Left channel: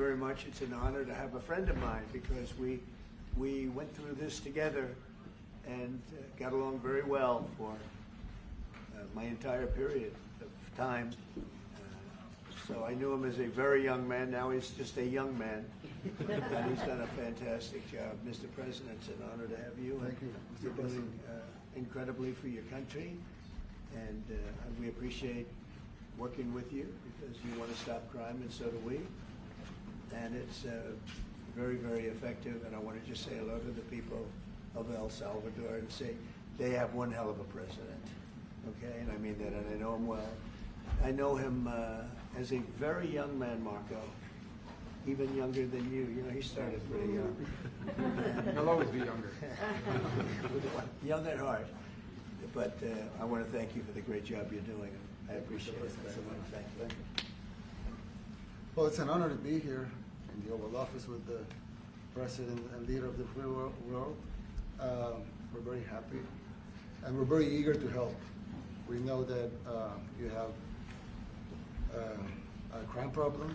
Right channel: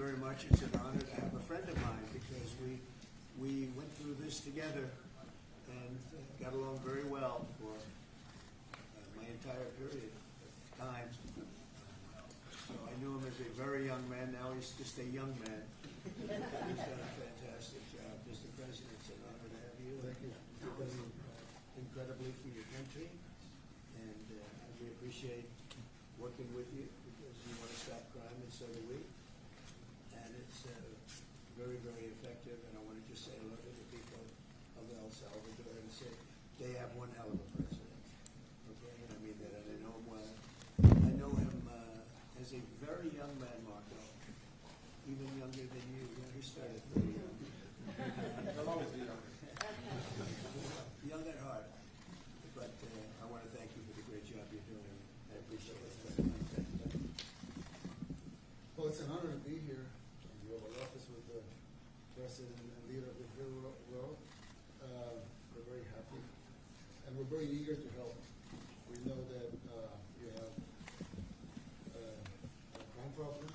very much. It's an honor to have a friend of mine because we went through this together and got along very well for my entire period of time. So I knew him as a very young man. Now he's just a young man. And he's done a fantastic job. Mr. President, it's an honor to have you. Thank you. You're doing incredibly for your country. And we appreciate working with you because you want to stop crime, and so do we. And it's very, very effective. And I want to just say hello to the people of El Salvador and say they have one hell of a president. Okay, and I mean that, and I know him well. I know him as a very young man, Marco, even younger than you. You know, he started pretty young. He'll always be younger. Young at heart. But I want to thank you for the great job you're doing. I appreciate it very much. Thank you. Well, it's an honor to be here in the Oval Office with the President and leader of the free world. We're very happy, and we're very eager to help. We know that you have a crime problem,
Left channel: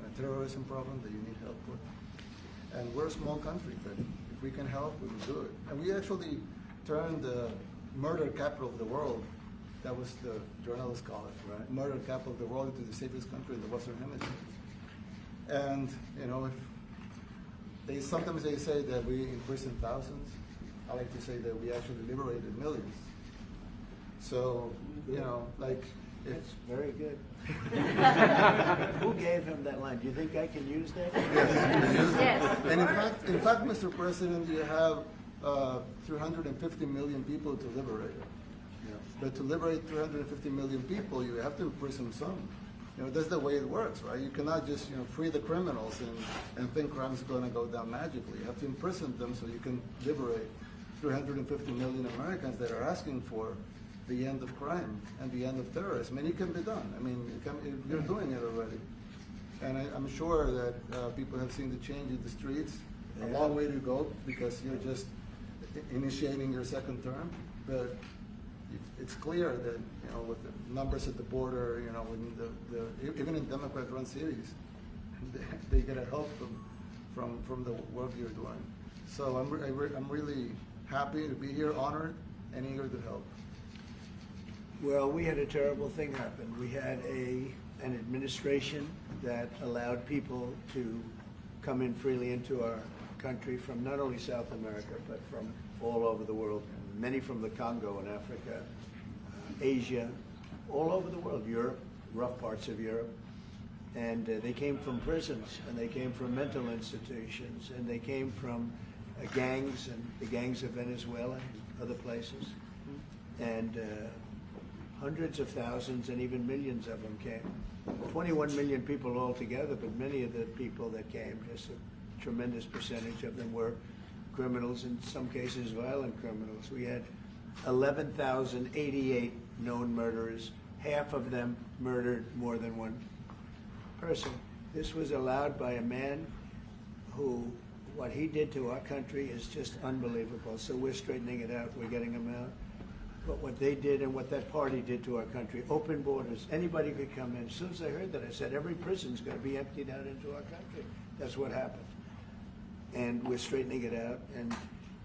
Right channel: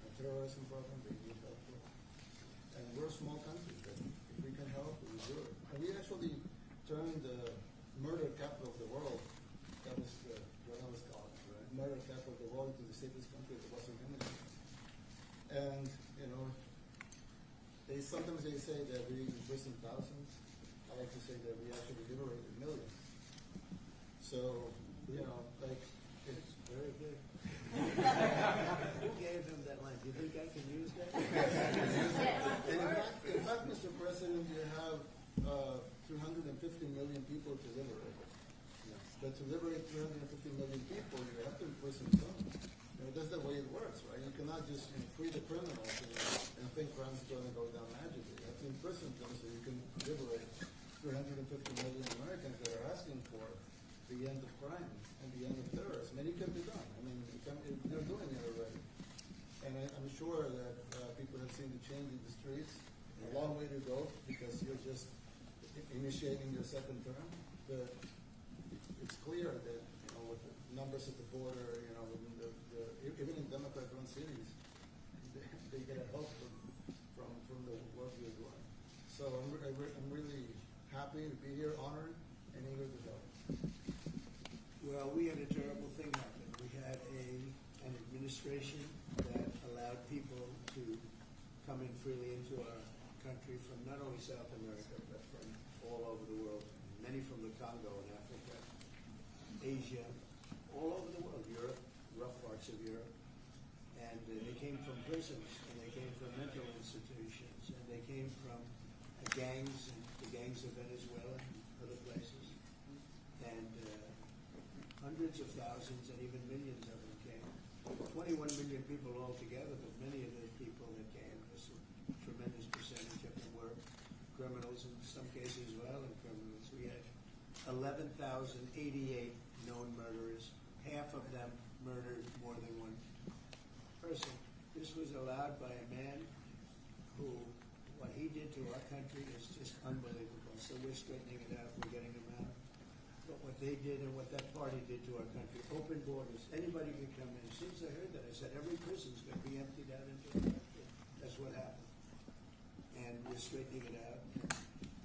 a terrorism problem that you need help with. And we're a small country, but if we can help, we will do it. And we actually turned the murder capital of the world, that was the journalists call it, right? Murder capital of the world, into the safest country in the Western Hemisphere. And, you know, sometimes they say that we imprisoned thousands. I like to say that we actually liberated millions. So, you know, like, it's very good. Who gave him that line? Do you think I can use that? Yes. And in fact, Mr. President, you have 350 million people to liberate. Yes. But to liberate 350 million people, you have to imprison some. You know, that's the way it works, right? You cannot just, you know, free the criminals and think crime is going to go down magically. You have to imprison them so you can liberate 350 million Americans that are asking for the end of crime and the end of terrorism. And it can be done. I mean, you're doing it already. And I'm sure that people have seen the change in the streets. A long way to go because you're just initiating your second term. But it's clear that, you know, with the numbers at the border, you know, even in Democrat-run cities, they get a help from the work you're doing. So I'm really happy to be here, honored, and eager to help. Well, we had a terrible thing happen. We had an administration that allowed people to come in freely into our country from not only South America, but from all over the world, many from the Congo in Africa, Asia, all over the world, Europe, rough parts of Europe. And they came from prisons, and they came from mental institutions, and they came from gangs, and the gangs of Venezuela and other places. And hundreds of thousands and even millions of them came. 21 million people altogether, but many of the people that came, just a tremendous percentage of them were criminals, in some cases violent criminals. We had 11,088 known murderers. Half of them murdered more than one person. This was allowed by a man who, what he did to our country is just unbelievable. So we're straightening it out. We're getting him out. But what they did and what that party did to our country, open borders, anybody could come in. As soon as I heard that, I said, every prison's going to be emptied out into our country. That's what happened. And we're straightening it out. And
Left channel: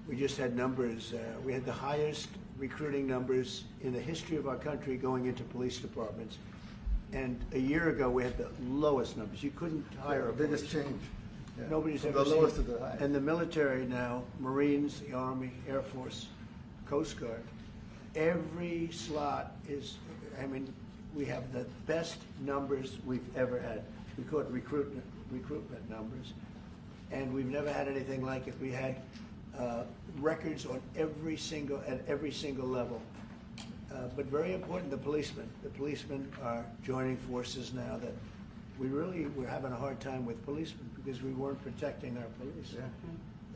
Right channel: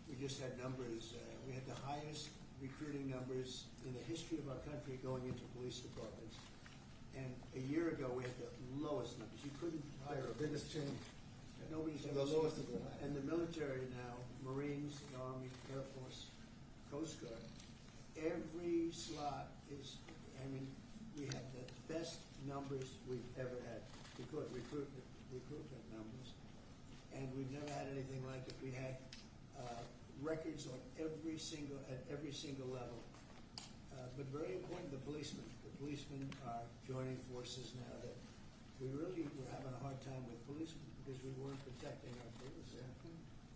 we just had numbers. We had the highest recruiting numbers in the history of our country going into police departments. And a year ago, we had the lowest numbers. You couldn't hire a biggest change. Yeah. Nobody's From ever the seen lowest to the highest. And the military now, Marines, the Army, Air Force, Coast Guard, every slot is, I mean, we have the best numbers we've ever had. We call it recruitment numbers. And we've never had anything like it. We had records on at every single level. But very important, the policemen. The policemen are joining forces now that we're having a hard time with policemen because we weren't protecting our police. Yeah.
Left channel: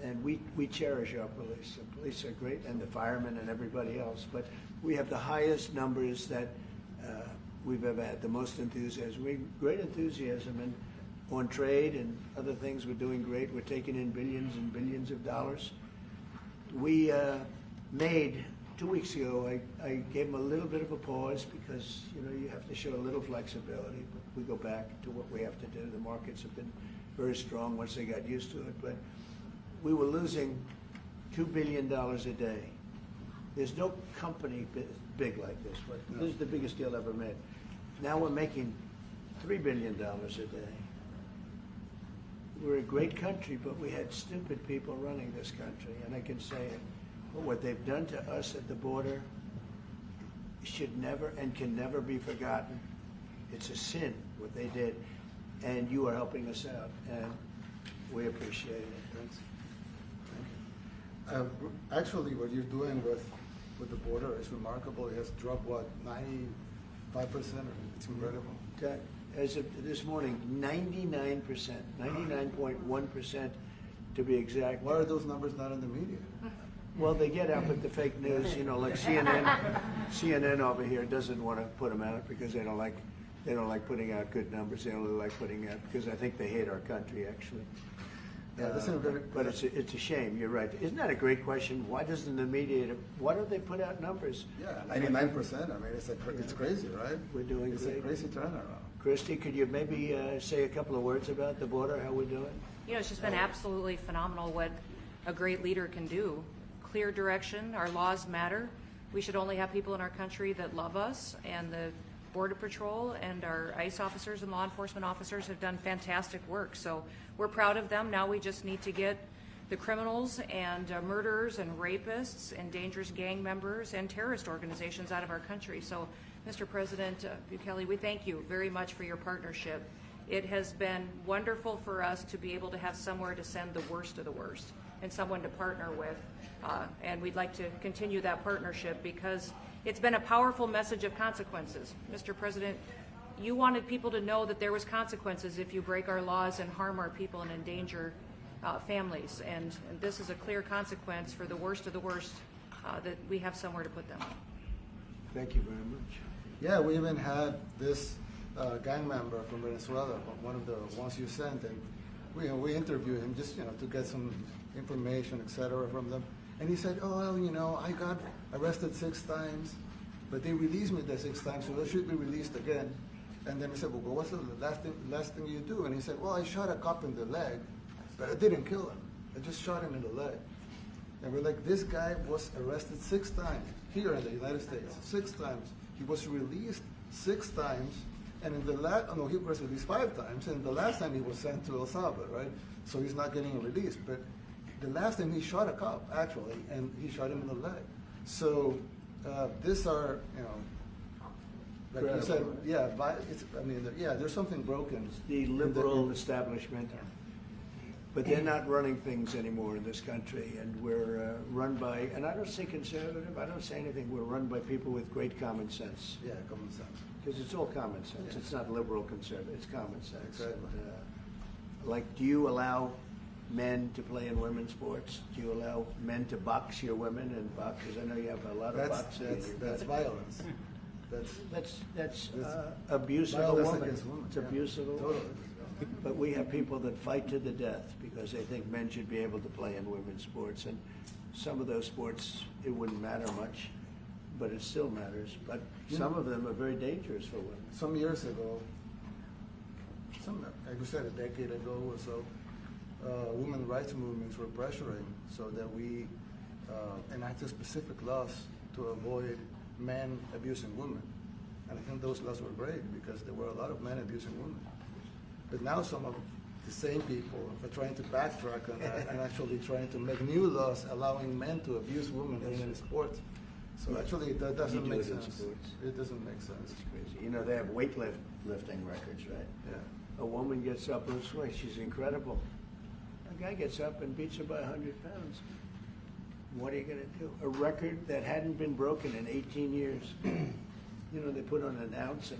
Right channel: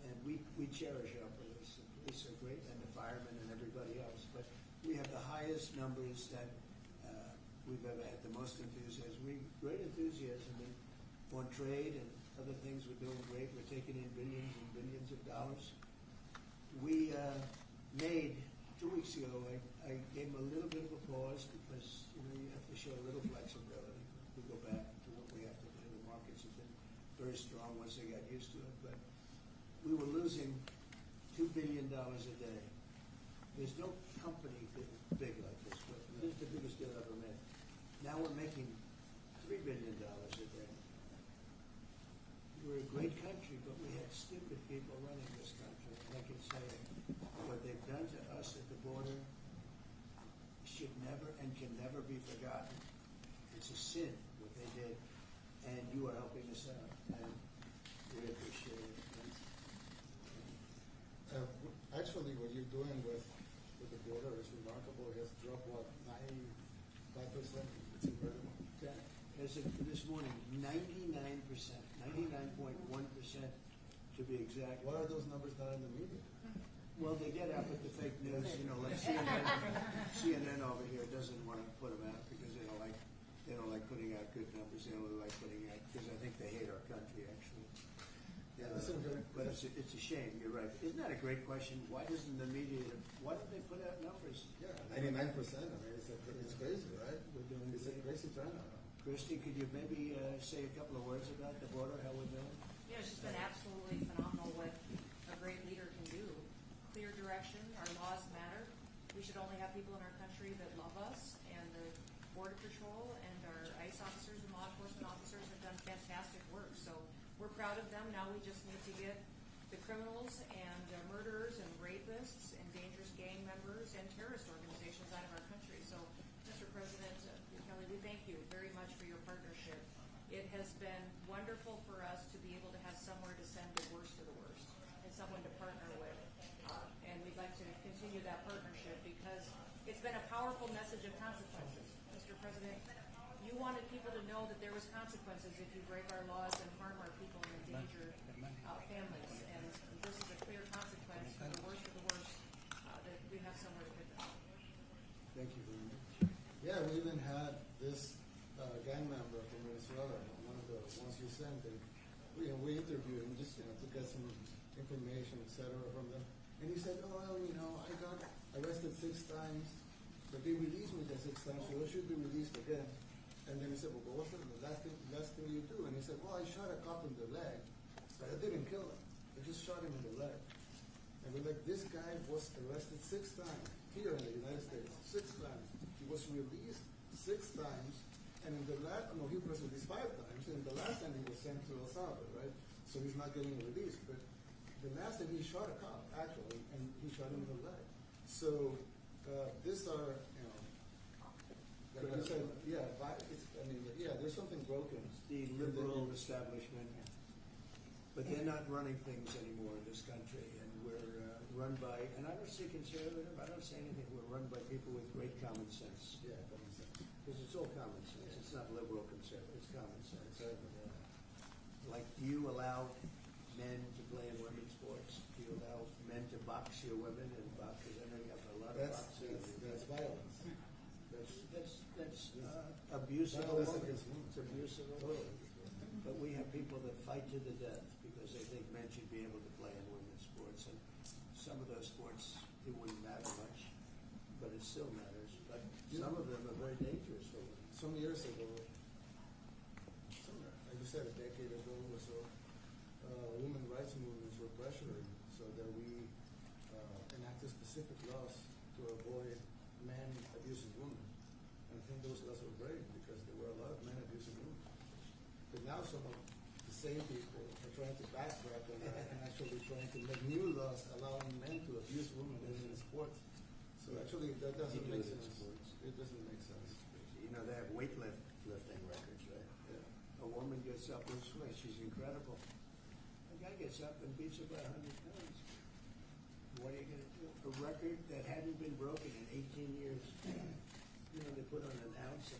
And we cherish our police. The police are great, and the firemen and everybody else. But we have the highest numbers that we've ever had, the most enthusiasm. Great enthusiasm. And on trade and other things, we're doing great. We're taking in billions and billions of dollars. We made, 2 weeks ago, I gave them a little bit of a pause because, you know, you have to show a little flexibility. But we go back to what we have to do. The markets have been very strong once they got used to it, but we were losing $2 billion a day. There's no company big like this, but this is the biggest deal ever made. Now we're making $3 billion a day. We're a great country, but we had stupid people running this country, and I can say it. But what they've done to us at the border should never and can never be forgotten. It's a sin, what they did, and you are helping us out, and we appreciate it. Actually, what you're doing with the border is remarkable. It has dropped, what, 95%? It's incredible. As of this morning, 99%, 99.1% to be exact. Why are those numbers not in the media? Well, they get out with the fake news, you know, like CNN over here doesn't want to put them out because they don't like putting out good numbers. They only like putting out because I think they hate our country, actually. Yeah, but it's a shame. You're right. Isn't that a great question? Why doesn't the media? Why don't they put out numbers? Yeah, 99%. I mean, it's crazy, right? We're doing it's great. A crazy turnaround. Christy, could you maybe say a couple of words about the border? How we're doing? You know, it's just been absolutely phenomenal what a great leader can do. Clear direction. Our laws matter. We should only have people in our country that love us, and the Border Patrol and our ICE officers and law enforcement officers have done fantastic work. So we're proud of them. Now we just need to get the criminals and murderers and rapists and dangerous gang members and terrorist organizations out of our country. So, Mr. President Bukele, we thank you very much for your partnership. It has been wonderful for us to be able to have somewhere to send the worst of the worst and someone to partner with. And we'd like to continue that partnership because it's been a powerful message of consequences. Mr. President, you wanted people to know that there was consequences if you break our laws and harm our people and endanger families. And this is a clear consequence for the worst of the worst that we have somewhere to put them. Thank you very much. Yeah, we even had this gang member from Venezuela, one of the ones you sent, and we interviewed him just to get some information, etc. from them. And he said, "Oh, well, I got arrested 6 times, but they released me the 6 times, so I should be released again." And then we said, "Well, what's the last thing you do?" And he said, "Well, I shot a cop in the leg, but I didn't kill him. I just shot him in the leg." And we're like, this guy was arrested 6 times here in the United States, 6 times. He was released 6 times, and in the he was released 5 times, and the last time he was sent to El Salvador, right? So he's not getting released. But the last time he shot a cop, actually, and he shot him in the leg. So these are, like you said, there's something broken. It's the liberal establishment, but they're not running things anymore in this country, and we're run by, and I don't say conservative, I don't say anything, we're run by people with great common sense. Yeah, common sense. Because it's all common sense. Yeah. It's not liberal conservative, it's common sense. Exactly. And, do you allow men to play in women's sports? Do you allow men to box your women and box? Because I know you have a lot of boxing. That's violence. That's abuse of a violence woman. against women. It's abuse of a woman. Totally. But we have people that fight to the death because they think men should be able to play in women's sports. And some of those sports, it wouldn't matter much, but it still matters. But some of them are very dangerous for women. Some years ago, like you said, a decade ago or so, women rights movements were pressuring so that we enacted specific laws to avoid men abusing women. And I think those laws were great because there were a lot of men abusing women. But now some of the same people are trying to backtrack on that and actually trying to make new laws allowing men to abuse women in sports. So actually that doesn't make sense. It doesn't make sense. It's crazy. They have weightlifting records, right? Yeah. A woman gets up this way, she's incredible. A guy gets up and beats her by 100 pounds. What are you going to do? A record that hadn't been broken in 18 years. They put on an ounce,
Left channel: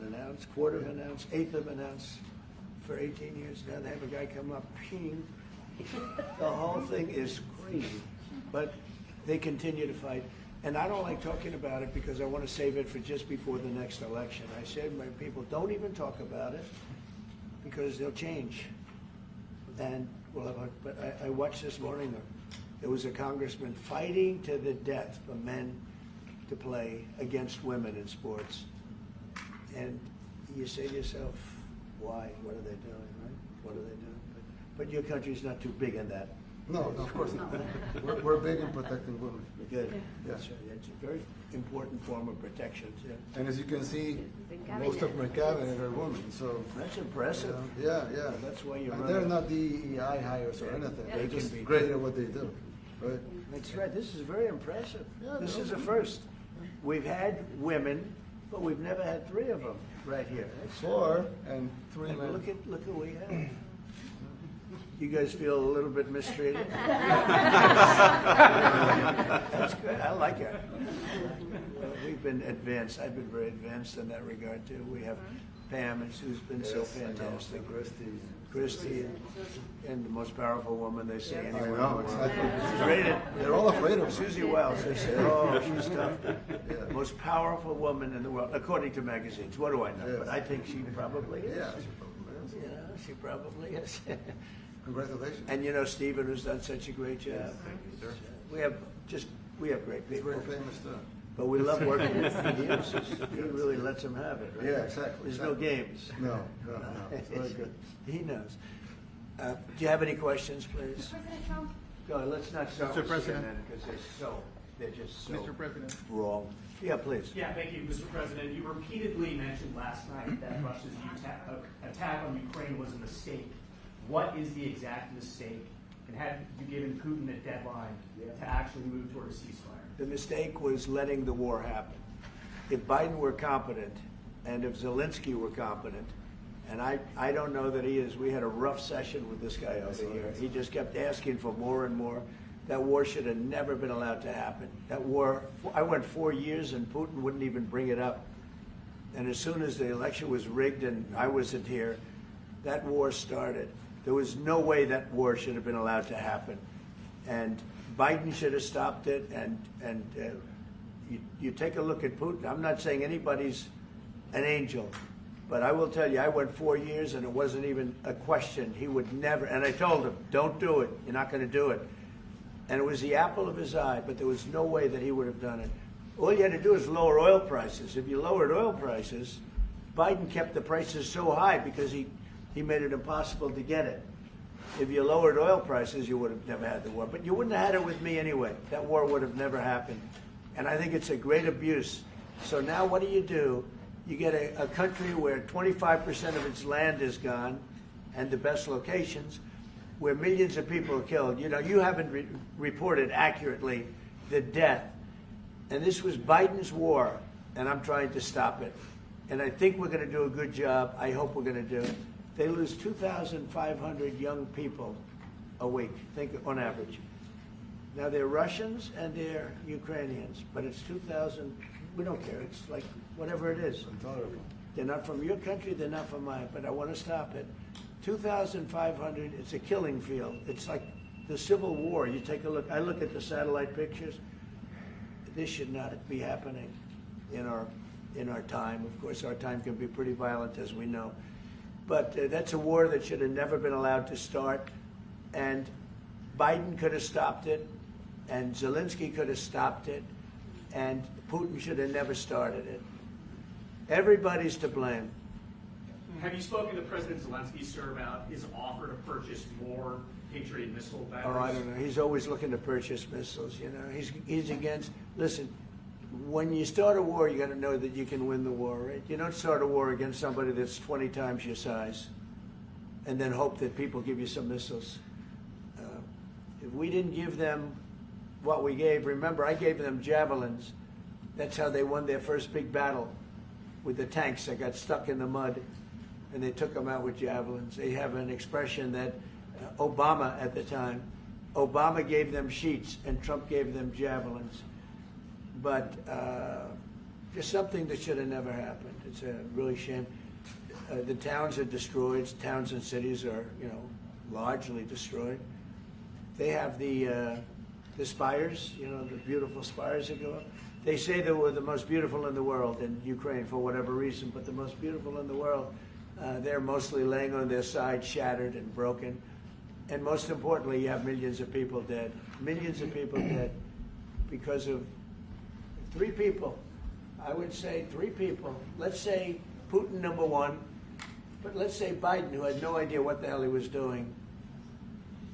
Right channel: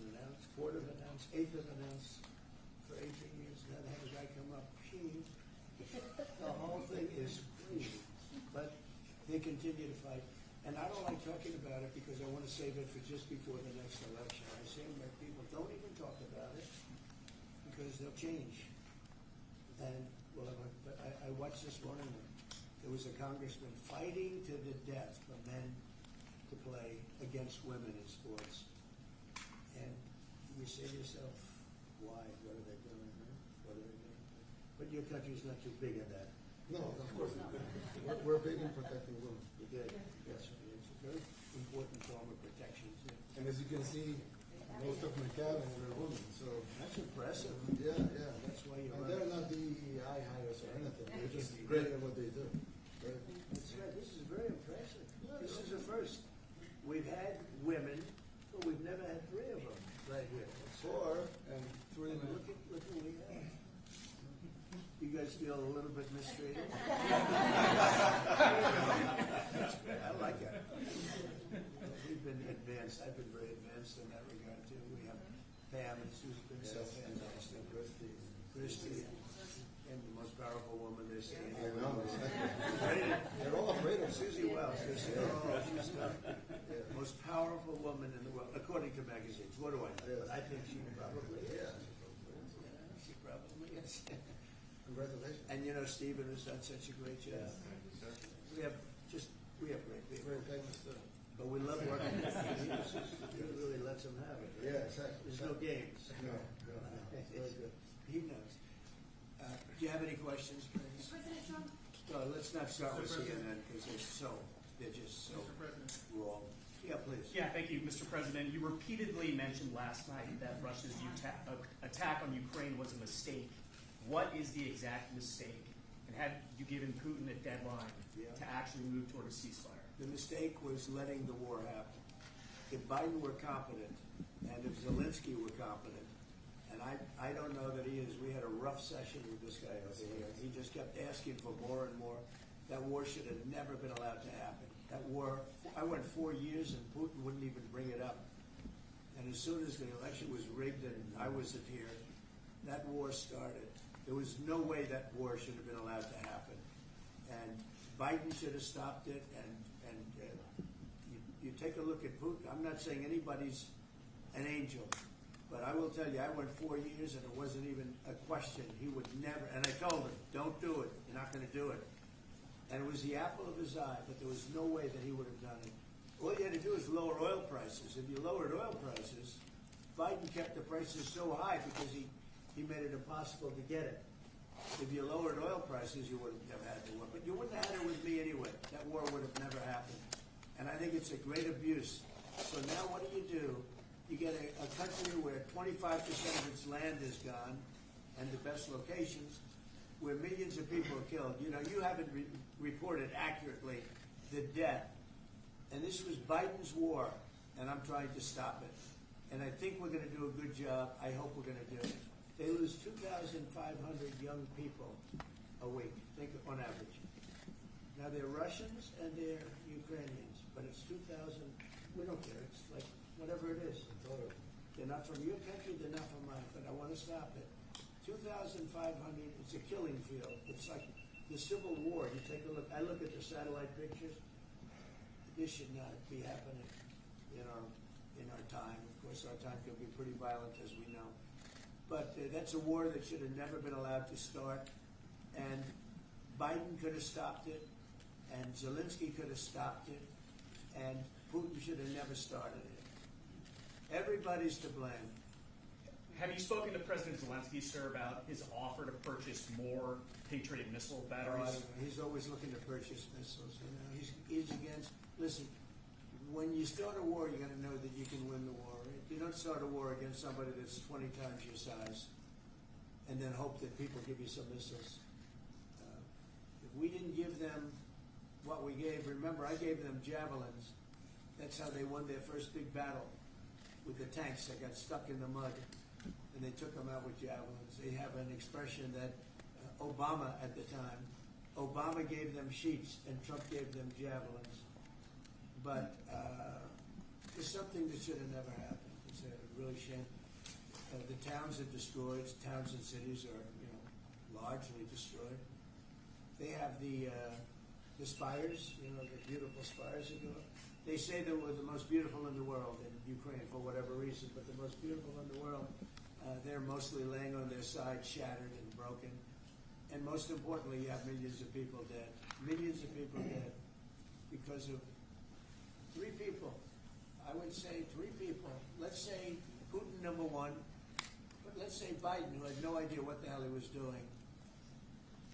quarter of an ounce, eighth of an ounce for 18 years. Now they have a guy come up, ping. The whole thing is crazy. But they continue to fight. And I don't like talking about it because I want to save it for just before the next election. I said to my people, don't even talk about it because they'll change. And but I watched this morning, there was a congressman fighting to the death for men to play against women in sports. And you say to yourself, why? What are they doing, right? What are they doing? your country's not too big in that. No, of course not. We're big in protecting women. Good. Yeah. That's right. It's a very important form of protection, yeah. And as you can see, most of my cabinet are women, so. That's impressive. Yeah, yeah. That's why you're And running. they're not DEI hires or anything. They They're can just be great at what they do, right? That's right. This is very impressive. Yeah, This no. is a first. We've had women, but we've never had three of them right here. That's, 4 and 3 and men. look at what we have. You guys feel a little bit mistreated? That's good. I like it. We've been advanced. I've been very advanced in that regard too. We have Pam, who's been so Yes, I know. fantastic. Christie. Christy, and the most powerful woman they say I anywhere. know, exactly. She's rated. They're all afraid of her. Susie Wells, they say, oh, she's tough. Yeah. Most powerful woman in the world, according to magazines. What do I know? Yes. But I think she probably is. Yeah. You know, she probably is. Congratulations. And you know, Stephen, who's done such a great job. Thank you, sir. We have great He's people. very famous too. But we love working with him. He really lets them have it, right? Yeah, exactly. There's no games. No, no, no. It's very good. He knows. Do you have any questions, please? President Trump? No, let's not start Mr. with President. CNN because they're just so Mr. President. wrong. Yeah, please. Yeah, thank you, Mr. President. You repeatedly mentioned last night that Russia's attack on Ukraine was a mistake. What is the exact mistake? And have you given Putin a deadline to actually move toward a ceasefire? The mistake was letting the war happen. If Biden were competent, and if Zelensky were competent, and I don't know that he is. We had a rough session with this guy over here. He just kept asking for more and more. That war should have never been allowed to happen. That war, I went 4 years and Putin wouldn't even bring it up. And as soon as the election was rigged and I wasn't here, that war started. There was no way that war should have been allowed to happen. And Biden should have stopped it. And you take a look at Putin. I'm not saying anybody's an angel. But I will tell you, I went 4 years and it wasn't even a question. He would never, and I told him, don't do it. You're not going to do it. And it was the apple of his eye, but there was no way that he would have done it. All you had to do is lower oil prices. If you lowered oil prices, Biden kept the prices so high because he made it impossible to get it. If you lowered oil prices, you would have never had the war. But you wouldn't have had it with me anyway. That war would have never happened. And I think it's a great abuse. So now what do? You get a country where 25% of its land is gone, and the best locations, where millions of people are killed. You know, you haven't reported accurately the death. And this was Biden's war, and I'm trying to stop it. And I think we're going to do a good job. I hope we're going to do it. They lose 2,500 young people a week, think on average. Now they're Russians and they're Ukrainians, but it's 2,000. We don't care. It's like whatever it is. They're not from your country. They're not from mine. But I want to stop it. 2,500. It's a killing field. It's like the Civil War. You take a look. I look at the satellite pictures. This should not be happening in our time. Of course, our time can be pretty violent, as we know. But that's a war that should have never been allowed to start. And Biden could have stopped it, and Zelensky could have stopped it, and Putin should have never started it. Everybody's to blame. Have you spoken to President Zelensky, sir, about his offer to purchase more Patriot missile batteries? Oh, I don't know. He's always looking to purchase missiles. You know, he's against. Listen, when you start a war, you got to know that you can win the war, right? You don't start a war against somebody that's 20 times your size, and then hope that people give you some missiles. If we didn't give them what we gave, remember, I gave them javelins. That's how they won their first big battle with the tanks that got stuck in the mud, and they took them out with javelins. They have an expression that Obama at the time, Obama gave them sheets and Trump gave them javelins. But there's something that should have never happened. It's a really shame. The towns are destroyed. Towns and cities are, largely destroyed. They have the spires, the beautiful spires that go up. They say they were the most beautiful in the world in Ukraine for whatever reason, but the most beautiful in the world, they're mostly laying on their side, shattered and broken. And most importantly, you have millions of people dead. Millions of people dead because of 3 people. I would say 3 people. Let's say Putin, number 1, but let's say Biden, who had no idea what the hell he was doing,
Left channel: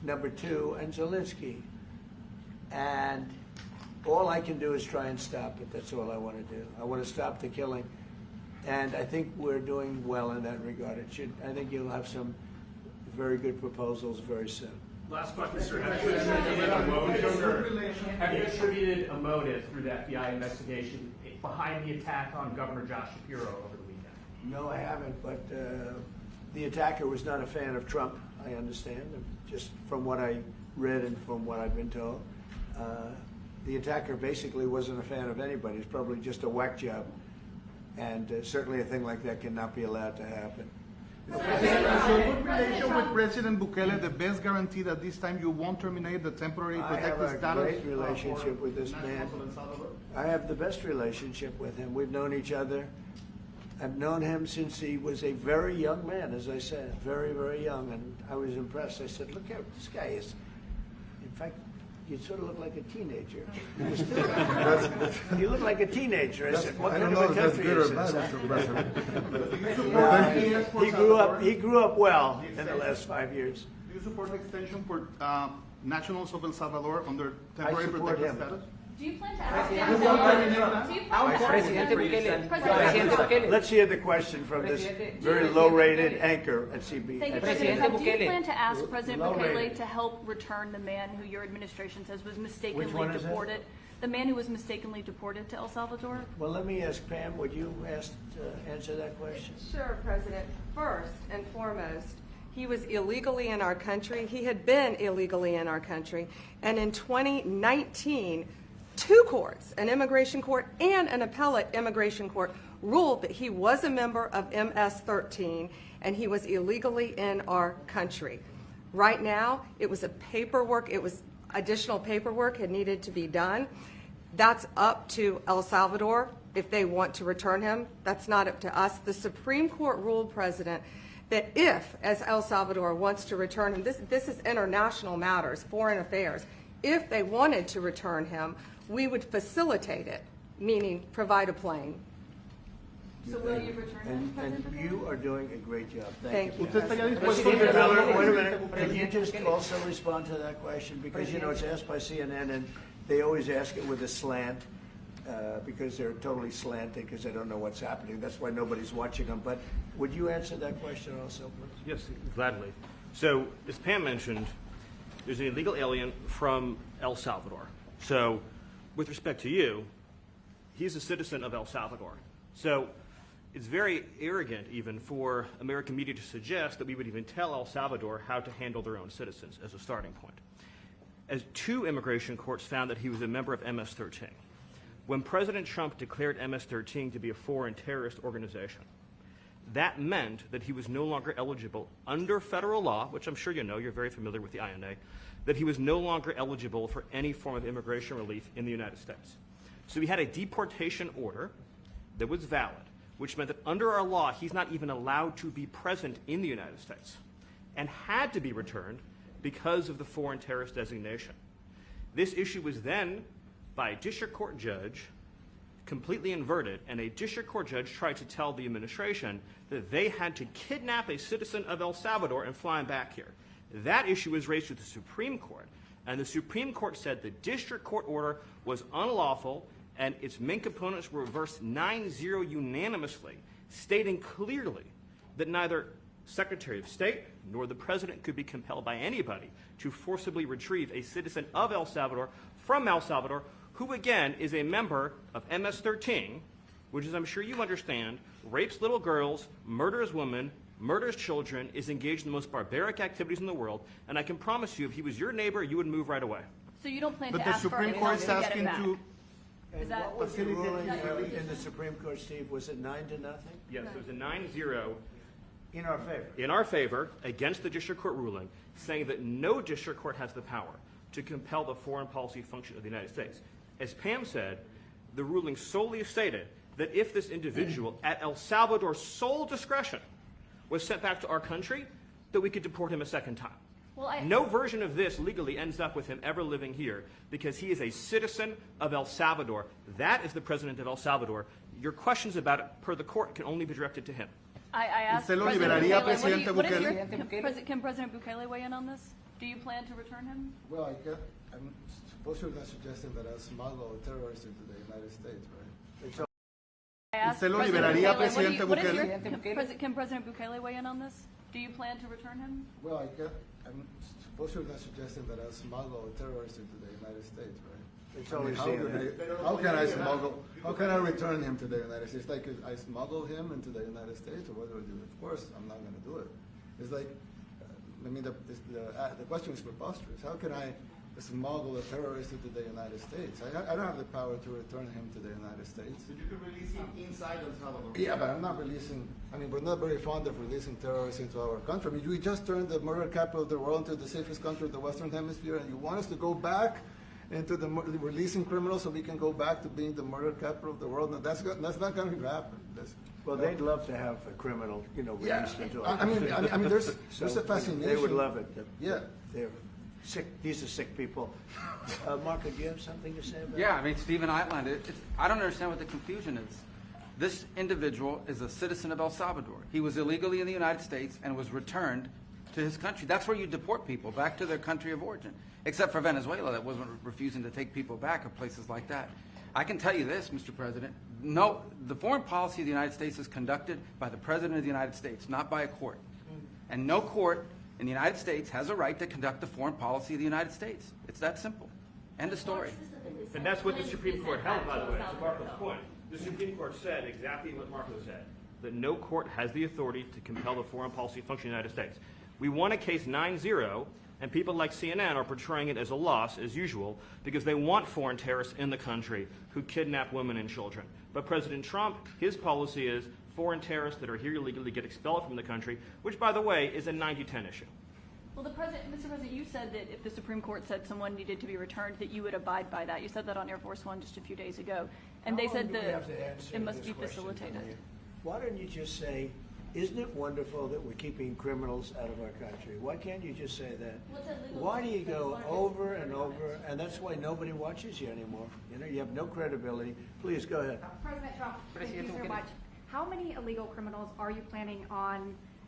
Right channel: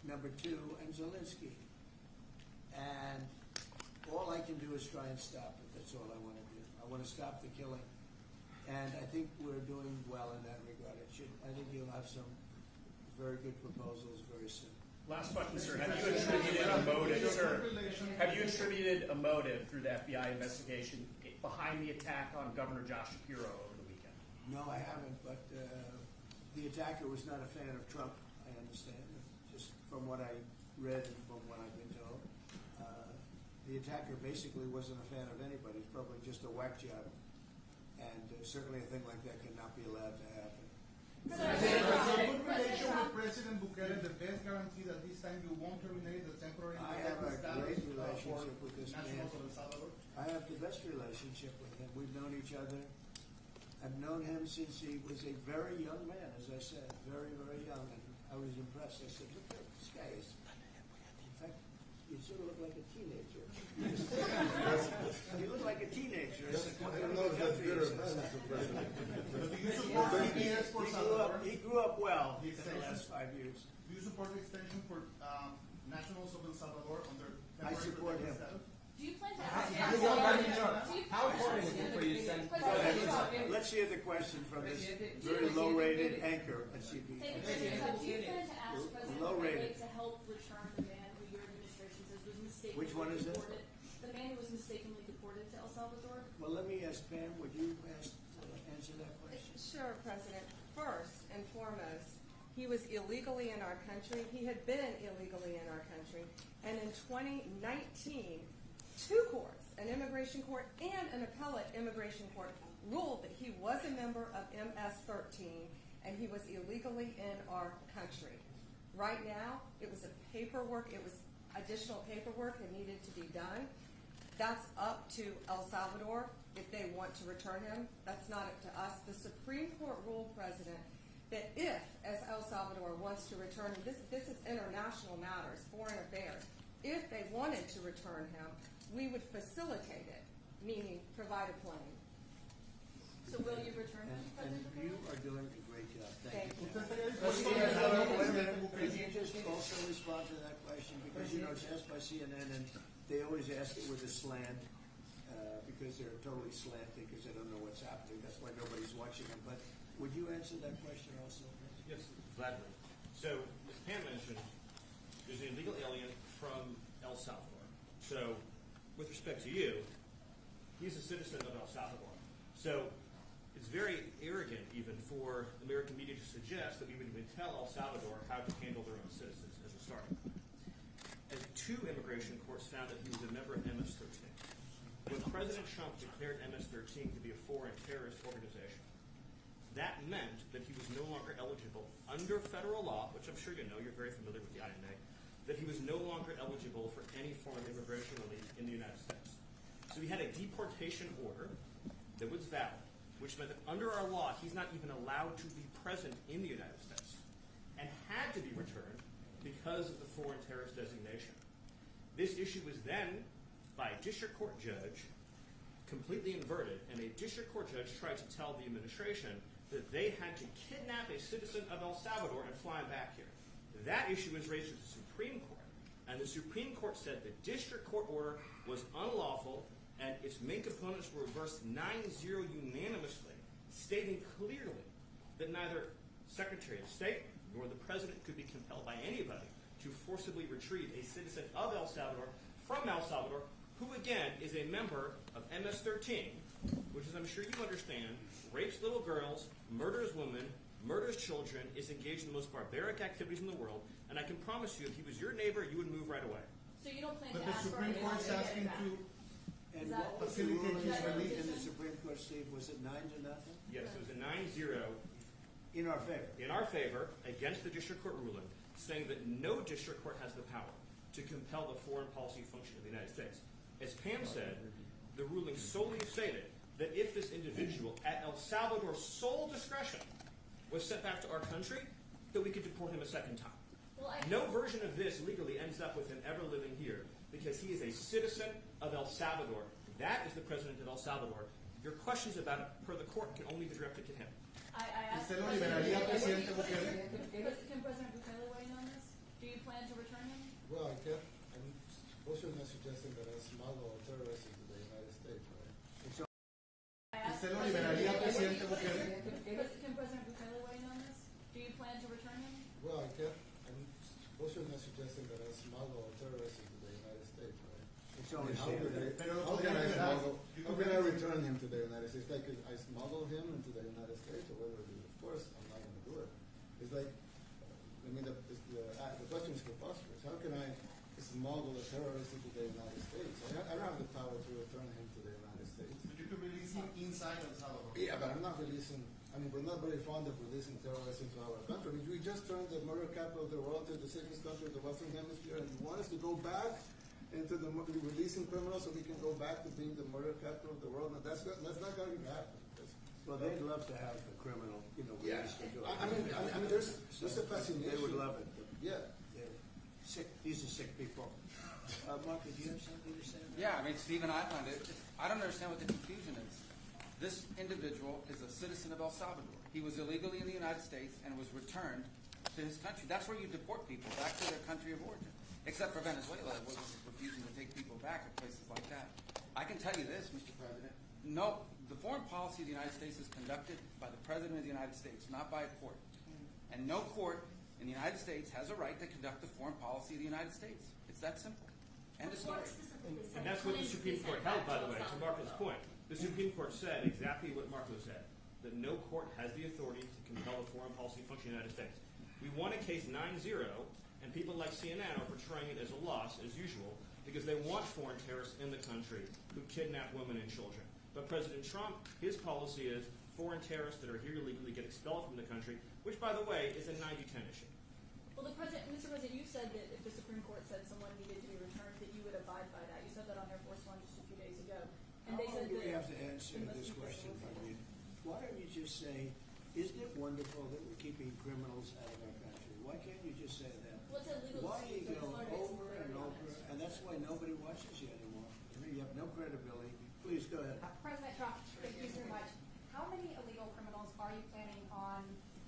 number 2, and Zelensky. And all I can do is try and stop it. That's all I want to do. I want to stop the killing. And I think we're doing well in that regard. I think you'll have some very good proposals very soon. Last question, sir. Have you attributed a motive, sir? Have you attributed a motive through the FBI investigation behind the attack on Governor Josh Shapiro over the weekend? No, I haven't, but the attacker was not a fan of Trump, I understand, just from what I read and from what I've been told. The attacker basically wasn't a fan of anybody. It's probably just a whack job. And certainly a thing like that cannot be allowed to happen. Good relation with President Bukele, the best guarantee that this time you won't terminate the temporary I have protected a status. great relationship with this man. I have the best relationship with him. We've known each other. I've known him since he was a very young man, as I said, very, very young, and I was impressed. I said, look at this guy is, in fact, you sort of look like a teenager. You look like a teenager. I said, what I kind don't of know a if that's country good or is bad, this? Mr. President. He grew up well in the last 5 years. Do you support the extension for nationals of El Salvador under temporary support protected him. status? Do you plan to ask him? Let's hear the question from this very low-rated anchor at CB. Thank you, at President. CNN. Do you plan to ask President Low Bukele rated. to help return the man who your administration says was mistakenly Which one is it? deported? The man who was mistakenly deported to El Salvador? Well, let me ask Pam, would you answer that question? Sure, President. First and foremost, he was illegally in our country. He had been illegally in our country. And in 2019, 2 courts, an immigration court and an appellate immigration court, ruled that he was a member of MS-13 and he was illegally in our country. Right now, it was additional paperwork had needed to be done. That's up to El Salvador if they want to return him. That's not up to us. The Supreme Court ruled, President, that if, as El Salvador wants to return him, this is international matters, foreign affairs, if they wanted to return him, we would facilitate it, meaning provide a plane. So will you return him, And President Bukele? you are doing a great job. Thank you. ¿Usted estaría Mr. dispuesto a Miller, entregar- wait a minute. Can you just also respond to that question? Because, you know, it's asked by CNN, and they always ask it with a slant, because they're totally slanted, because they don't know what's happening. That's why nobody's watching them. But would you answer that question also, please? Yes, gladly. So, as Pam mentioned, there's an illegal alien from El Salvador. So, with respect to you, he's a citizen of El Salvador. So, it's very arrogant even for American media to suggest that we would even tell El Salvador how to handle their own citizens as a starting point. As 2 immigration courts found that he was a member of MS-13. When President Trump declared MS-13 to be a foreign terrorist organization, that meant that he was no longer eligible under federal law, which I'm sure you know, you're very familiar with the INA, that he was no longer eligible for any form of immigration relief in the United States. So we had a deportation order that was valid, which meant that under our law, he's not even allowed to be present in the United States and had to be returned because of the foreign terrorist designation. This issue was then, by a district court judge, completely inverted, and a district court judge tried to tell the administration that they had to kidnap a citizen of El Salvador and fly him back here. That issue was raised to the Supreme Court, and the Supreme Court said the district court order was unlawful, and its main components were reversed 9-0 unanimously, stating clearly that neither Secretary of State nor the President could be compelled by anybody to forcibly retrieve a citizen of El Salvador from El Salvador, who again is a member of MS-13, which, as I'm sure you understand, rapes little girls, murders women, murders children, is engaged in the most barbaric activities in the world, and I can promise you, if he was your neighbor, you would move right away. So you don't plan But to the ask for Supreme anything Court is to get asking him back? to And that- what was the ruling Facilitate in the Supreme Court, Steve? Was it 9-0? Yes, it was a 9-0 In our favor? in our favor against the district court ruling, saying that no district court has the power to compel the foreign policy function of the United States. As Pam said, the ruling solely stated that if this individual, at El Salvador's sole discretion, was sent back to our country, that we could deport him a second time. Well, No version of this legally ends up with him ever living here because he is a citizen of El Salvador. That is the president of El Salvador. Your questions about it, per the court, can only be directed to him. I asked ¿Usted lo President liberaría, Bukele, Presidente what is Bukele? can President Bukele weigh in on this? Do you plan to return him? Well, I'm suppose you're not suggesting that I smuggle a terrorist into the United States, right? I asked ¿Usted lo President liberaría, Bukele, Presidente what is Bukele? can President Bukele weigh in on this? Do you plan to return him? Well, I'm suppose you're not suggesting that I smuggle a terrorist into the United States, right? It's I mean, always how can I smuggle? How can I return him to the United States? Like I smuggle him into the United States, or what do I do? Of course, I'm not going to do it. It's like, the question is preposterous. How can I smuggle a terrorist into the United States? I don't have the power to return him to the United States. But you can release him inside El Salvador. Yeah, but I'm not releasing. I mean, we're not very fond of releasing terrorists into our country. I mean, we just turned the murder capital of the world into the safest country of the Western Hemisphere, and you want us to go back into releasing criminals so we can go back to being the murder capital of the world? No, that's not going to happen. Well, they'd love to have a criminal, released into our I mean, there's a fascination. They would love it. Yeah. They're sick. These are sick people. Marco, do you have something to say about Yeah, I mean, Stephen outlined it. I don't understand what the confusion is. This individual is a citizen of El Salvador. He was illegally in the United States and was returned to his country. That's where you deport people, back to their country of origin, except for Venezuela that wasn't refusing to take people back, or places like that. I can tell you this, Mr. President. No, the foreign policy of the United States is conducted by the President of the United States, not by a court. And no court in the United States has a right to conduct the foreign policy of the United States. It's that simple. End of story. And that's what the Supreme Court held, by the way, to Marco's point. The Supreme Court said exactly what Marco said, that no court has the authority to compel the foreign policy function of the United States. We won a case 9-0, and people like CNN are portraying it as a loss, as usual, because they want foreign terrorists in the country who kidnap women and children. But President Trump, his policy is foreign terrorists that are here illegally get expelled from the country, which, by the way, is a 90-10 issue. Well, Mr. President, you said that if the Supreme Court said someone needed to be returned, that you would abide by that. You said that on Air Force One just a few days ago. And they said that it must be facilitated. Why don't you just say, isn't it wonderful that we're keeping criminals out of our country? Why can't you just say that? Why do you go over and over, and that's why nobody watches you anymore? You have no credibility. Please, go ahead. President Trump, thank you so much. How many illegal criminals are you planning on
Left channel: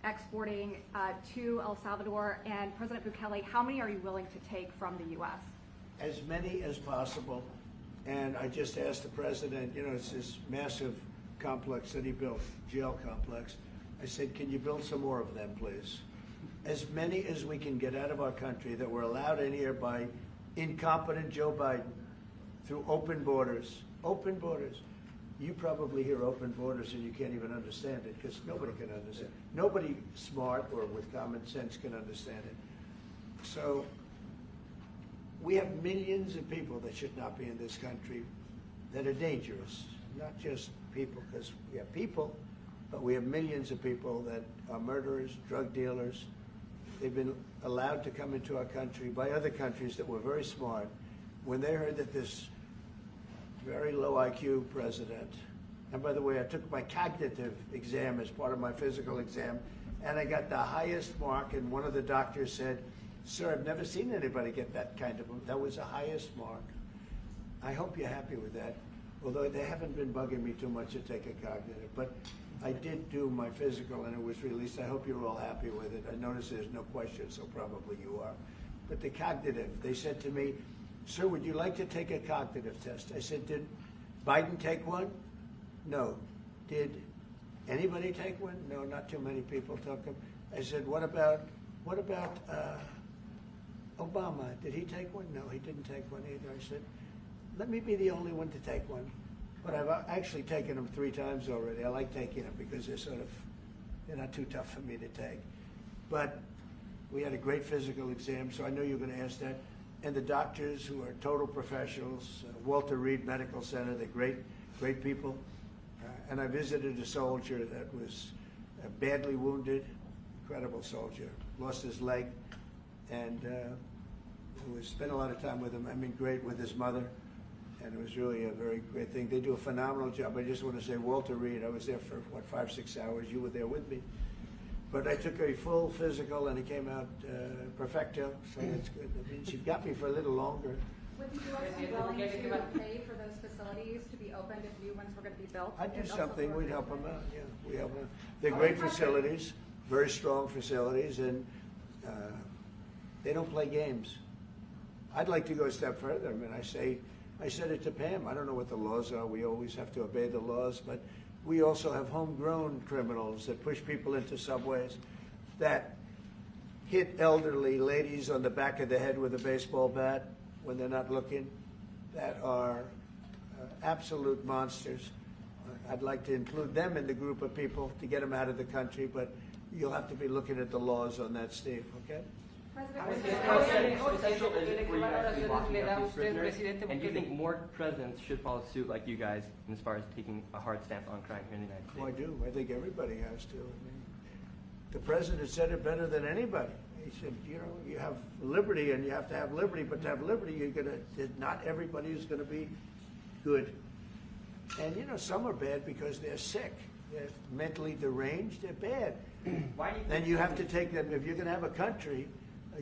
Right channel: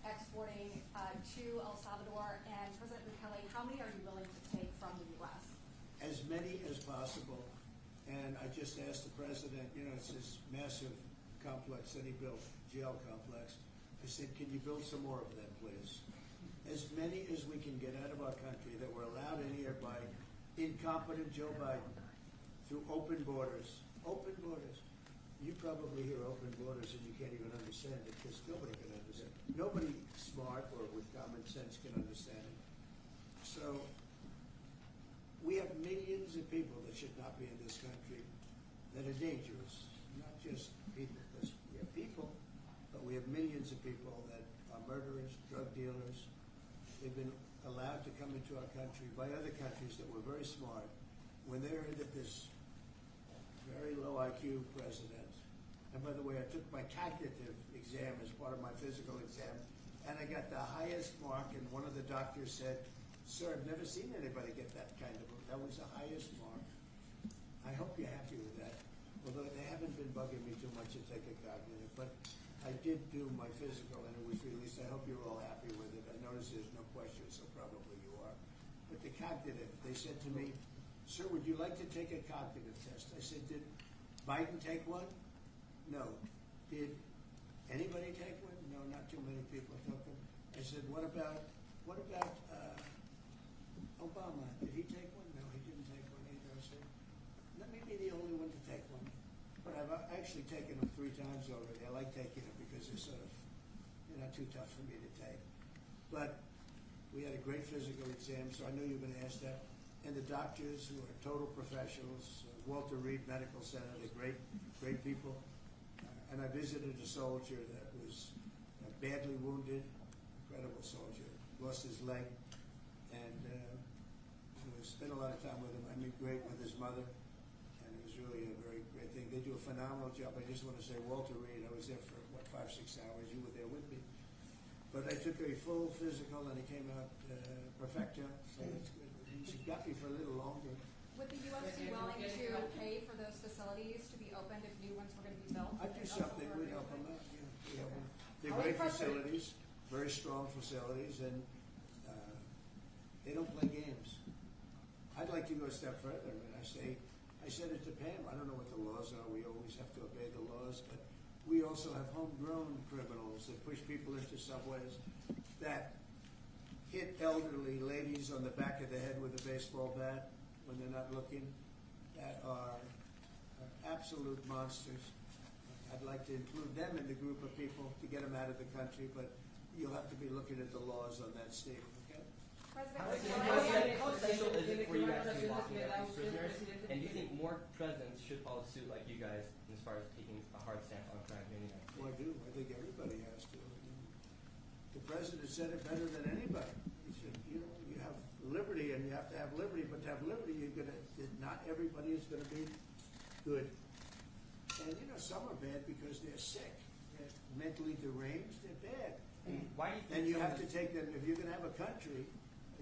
exporting to El Salvador? And President Bukele, how many are you willing to take from the U.S.? As many as possible. And I just asked the president, it's this massive complex that he built, jail complex. I said, can you build some more of them, please? As many as we can get out of our country that were allowed in here by incompetent Joe Biden through open borders. Open borders. You probably hear open borders and you can't even understand it because nobody can understand it. Nobody smart or with common sense can understand it. So we have millions of people that should not be in this country that are dangerous. Not just people, because we have people, but we have millions of people that are murderers, drug dealers. They've been allowed to come into our country by other countries that were very smart. When they heard that this very low IQ president, and by the way, I took my cognitive exam as part of my physical exam, and I got the highest mark, and one of the doctors said, "Sir, I've never seen anybody get that kind of, that was the highest mark." I hope you're happy with that, although they haven't been bugging me too much to take a cognitive, but I did do my physical and it was released. I hope you're all happy with it. I notice there's no question, so probably you are. But the cognitive, they said to me, "Sir, would you like to take a cognitive test?" I said, "Did Biden take one?" "No." "Did anybody take one?" "No, not too many people took them." I said, what about Obama? Did he take one?" "No, he didn't take one either." I said, "Let me be the only one to take one." But I've actually taken them 3 times already. I like taking them because they're not too tough for me to take. But we had a great physical exam, so I know you're going to ask that. And the doctors who are total professionals, Walter Reed Medical Center, they're great people. And I visited a soldier that was badly wounded, incredible soldier, lost his leg, and spent a lot of time with him. I mean, great with his mother, and it was really a very great thing. They do a phenomenal job. I just want to say, Walter Reed, I was there for, 5-6 hours. You were there with me. But I took a full physical, and it came out perfecto, so that's good. That means you've got me for a little longer. Would the U.S. be willing to pay for those facilities to be opened if new ones were going to be built? I'd do something. We'd help them out, yeah. We help them. They're great facilities, very strong facilities, and They don't play games. I'd like to go a step further. I mean, I said it to Pam, I don't know what the laws are. We always have to obey the laws, but we also have homegrown criminals that push people into subways, that hit elderly ladies on the back of the head with a baseball bat when they're not looking, that are absolute monsters. I'd like to include them in the group of people to get them out of the country, but you'll have to be looking at the laws on that, Steve, okay? How essential is it for you guys to be locking up these prisoners? And do you think more presidents should follow suit like you guys as far as taking a hard stance on crime here in the United States? Well, I do. I think everybody has to. I mean, the president said it better than anybody. He said, you know, you have liberty and you have to have liberty, but to have liberty, not everybody is gonna be good. And you know, some are bad because they're sick. They're mentally deranged, they're bad. Why do you think Then you have to take them, if you're gonna have a country,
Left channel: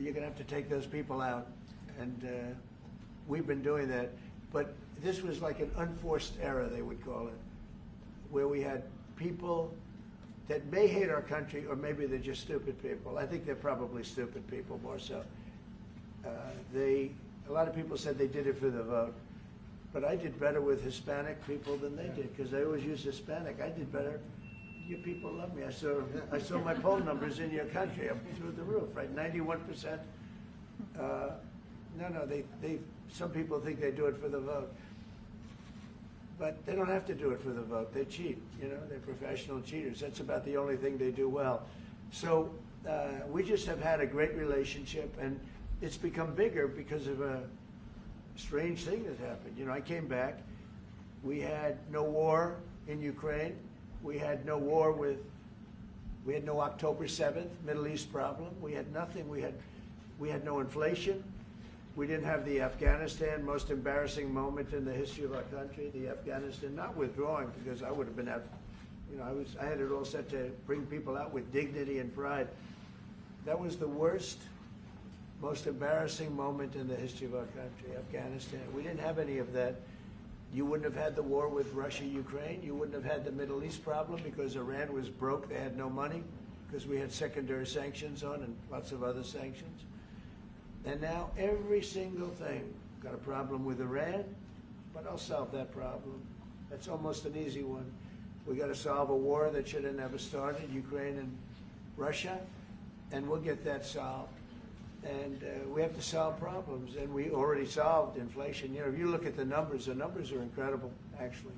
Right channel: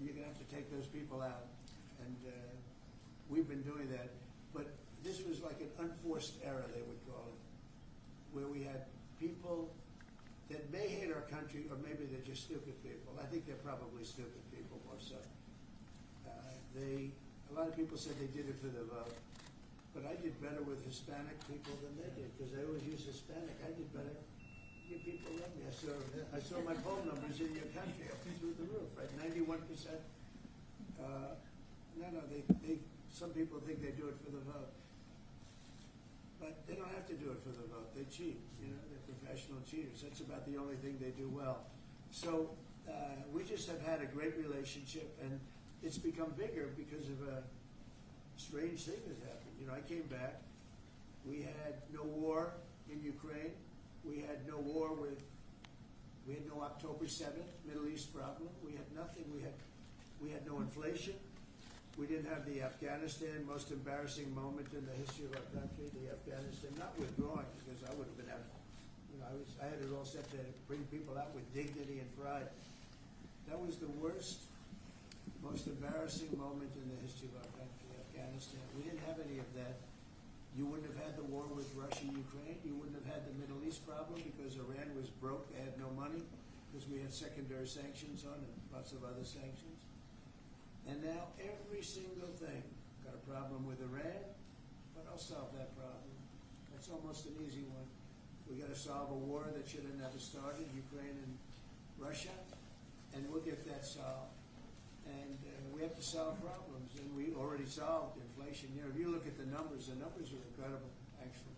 you're gonna have to take those people out. And we've been doing that. But this was like an unforced error, they would call it, where we had people that may hate our country, or maybe they're just stupid people. I think they're probably stupid people more so. A lot of people said they did it for the vote. But I did better with Hispanic people than they did, because they always use Hispanic. I did better. You people love me. I saw my poll numbers in your country up through the roof, right? 91%. Some people think they do it for the vote. But they don't have to do it for the vote. They cheat, you know, they're professional cheaters. That's about the only thing they do well. So we just have had a great relationship, and it's become bigger because of a strange thing that happened. You know, I came back. We had no war in Ukraine. We had no war we had no October 7th Middle East problem. We had nothing. We had no inflation. We didn't have the Afghanistan most embarrassing moment in the history of our country. The Afghanistan not withdrawing, because I would have been out. You know, I had it all set to bring people out with dignity and pride. That was the worst, most embarrassing moment in the history of our country, Afghanistan. We didn't have any of that. You wouldn't have had the war with Russia, Ukraine. You wouldn't have had the Middle East problem because Iran was broke. They had no money because we had secondary sanctions on and lots of other sanctions. And now every single thing, got a problem with Iran, but I'll solve that problem. That's almost an easy one. We got to solve a war that should have never started, Ukraine and Russia, and we'll get that solved. And we have to solve problems, and we already solved inflation. You know, if you look at the numbers are incredible, actually.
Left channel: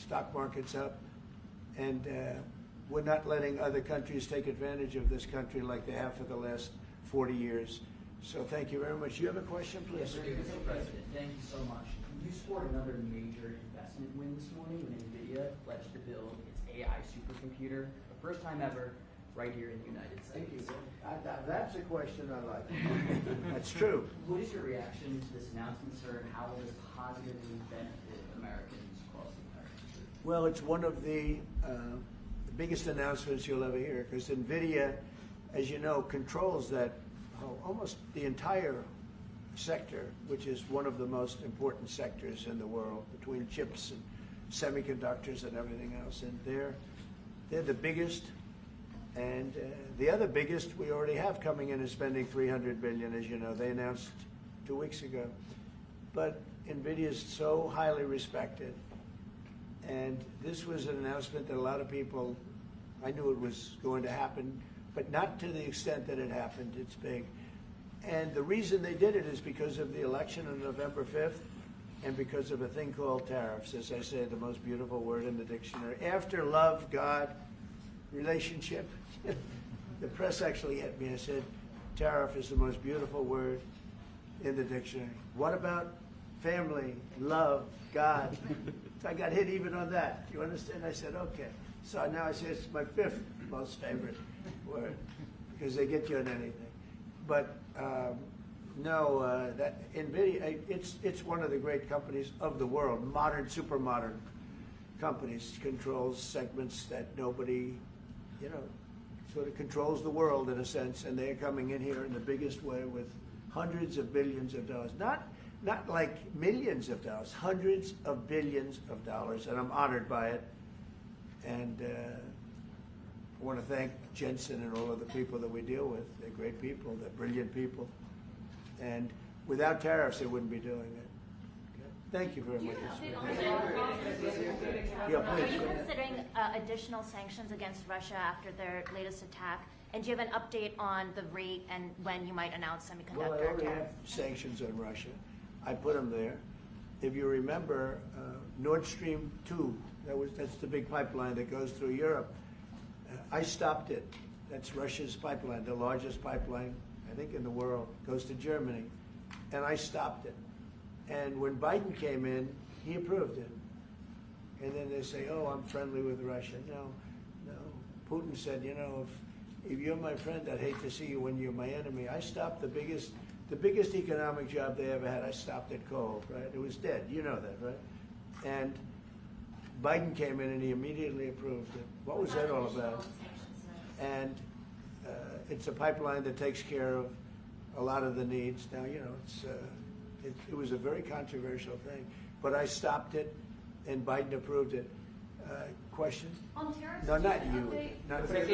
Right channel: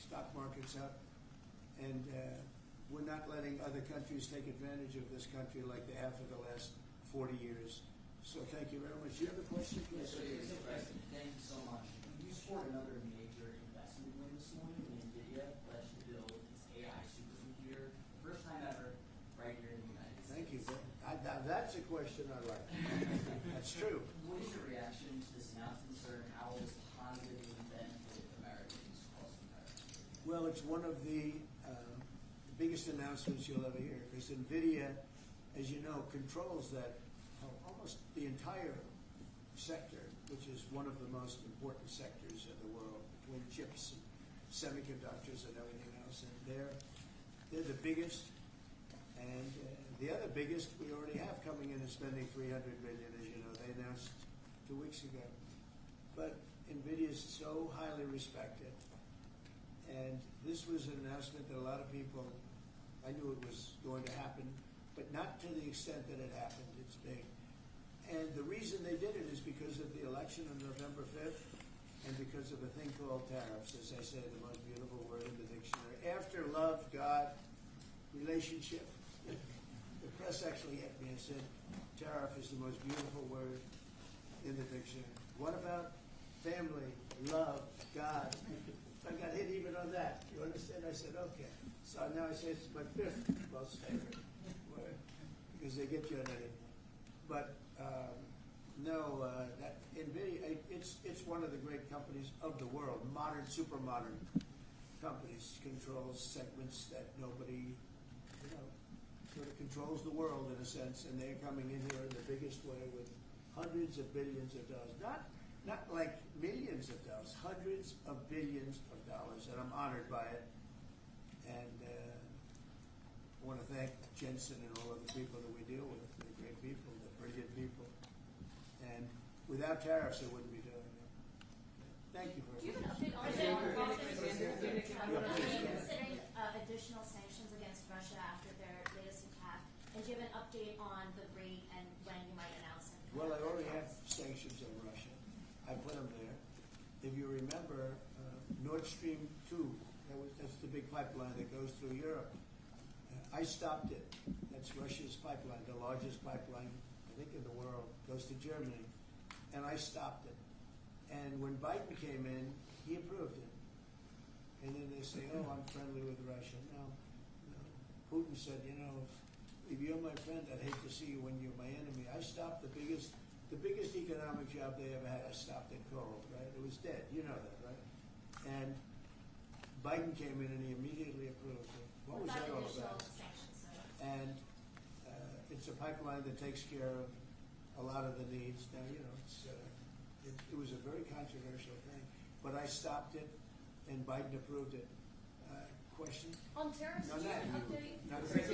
Stock market's up, and we're not letting other countries take advantage of this country like they have for the last 40 years. So thank you very much. You have a question, please? Yes, Mr. President, thank you so much. You scored another major investment win this morning when NVIDIA pledged to build its AI supercomputer, the first time ever, right here in the United States. Thank you. That's a question I like. That's true. What is your reaction to this announcement, sir, and how will this positively benefit Americans across the entire country? Well, it's one of the biggest announcements you'll ever hear, because NVIDIA, as you know, controls that almost the entire sector, which is one of the most important sectors in the world, between chips and semiconductors and everything else. And they're the biggest. And the other biggest we already have coming in is spending $300 billion, as you know. They announced 2 weeks ago. But NVIDIA is so highly respected. And this was an announcement that a lot of people, I knew it was going to happen, but not to the extent that it happened. It's big. And the reason they did it is because of the election on November 5th and because of a thing called tariffs, as I say, the most beautiful word in the dictionary. After love, God, relationship. The press actually hit me and said, tariff is the most beautiful word in the dictionary. What about family, love, God? So I got hit even on that. You understand? I said, okay. So now I say it's my 5th most favorite word, because they get you on anything. But that NVIDIA, it's one of the great companies of the world, modern, super modern companies, controls segments that nobody, you know, sort of controls the world in a sense, and they're coming in here in the biggest way with hundreds of billions of dollars. Not like millions of dollars, hundreds of billions of dollars, and I'm honored by it. And I want to thank Jensen and all of the people that we deal with. They're great people. They're brilliant people. And without tariffs, they wouldn't be doing it. Okay. Thank you very much. Yeah, Are please. you considering additional sanctions against Russia after their latest attack? And do you have an update on the rate and when you might announce Well, I semiconductor already have tariffs? sanctions on Russia. I put them there. If you remember, Nord Stream 2, that's the big pipeline that goes through Europe. I stopped it. That's Russia's pipeline, the largest pipeline, I think, in the world, goes to Germany. And I stopped it. And when Biden came in, he approved it. And then they say, oh, I'm friendly with Russia. No. Putin said, you know, if you're my friend, I'd hate to see you when you're my enemy. I stopped the biggest economic job they ever had. I stopped at coal, right? It was dead. You know that, right? And Biden came in and he immediately approved it. What was that all about? And it's a pipeline that takes care of a lot of the needs. Now, you know, it was a very controversial thing, but I stopped it, and Biden approved it. Question? On tariffs? No, not you. Not Update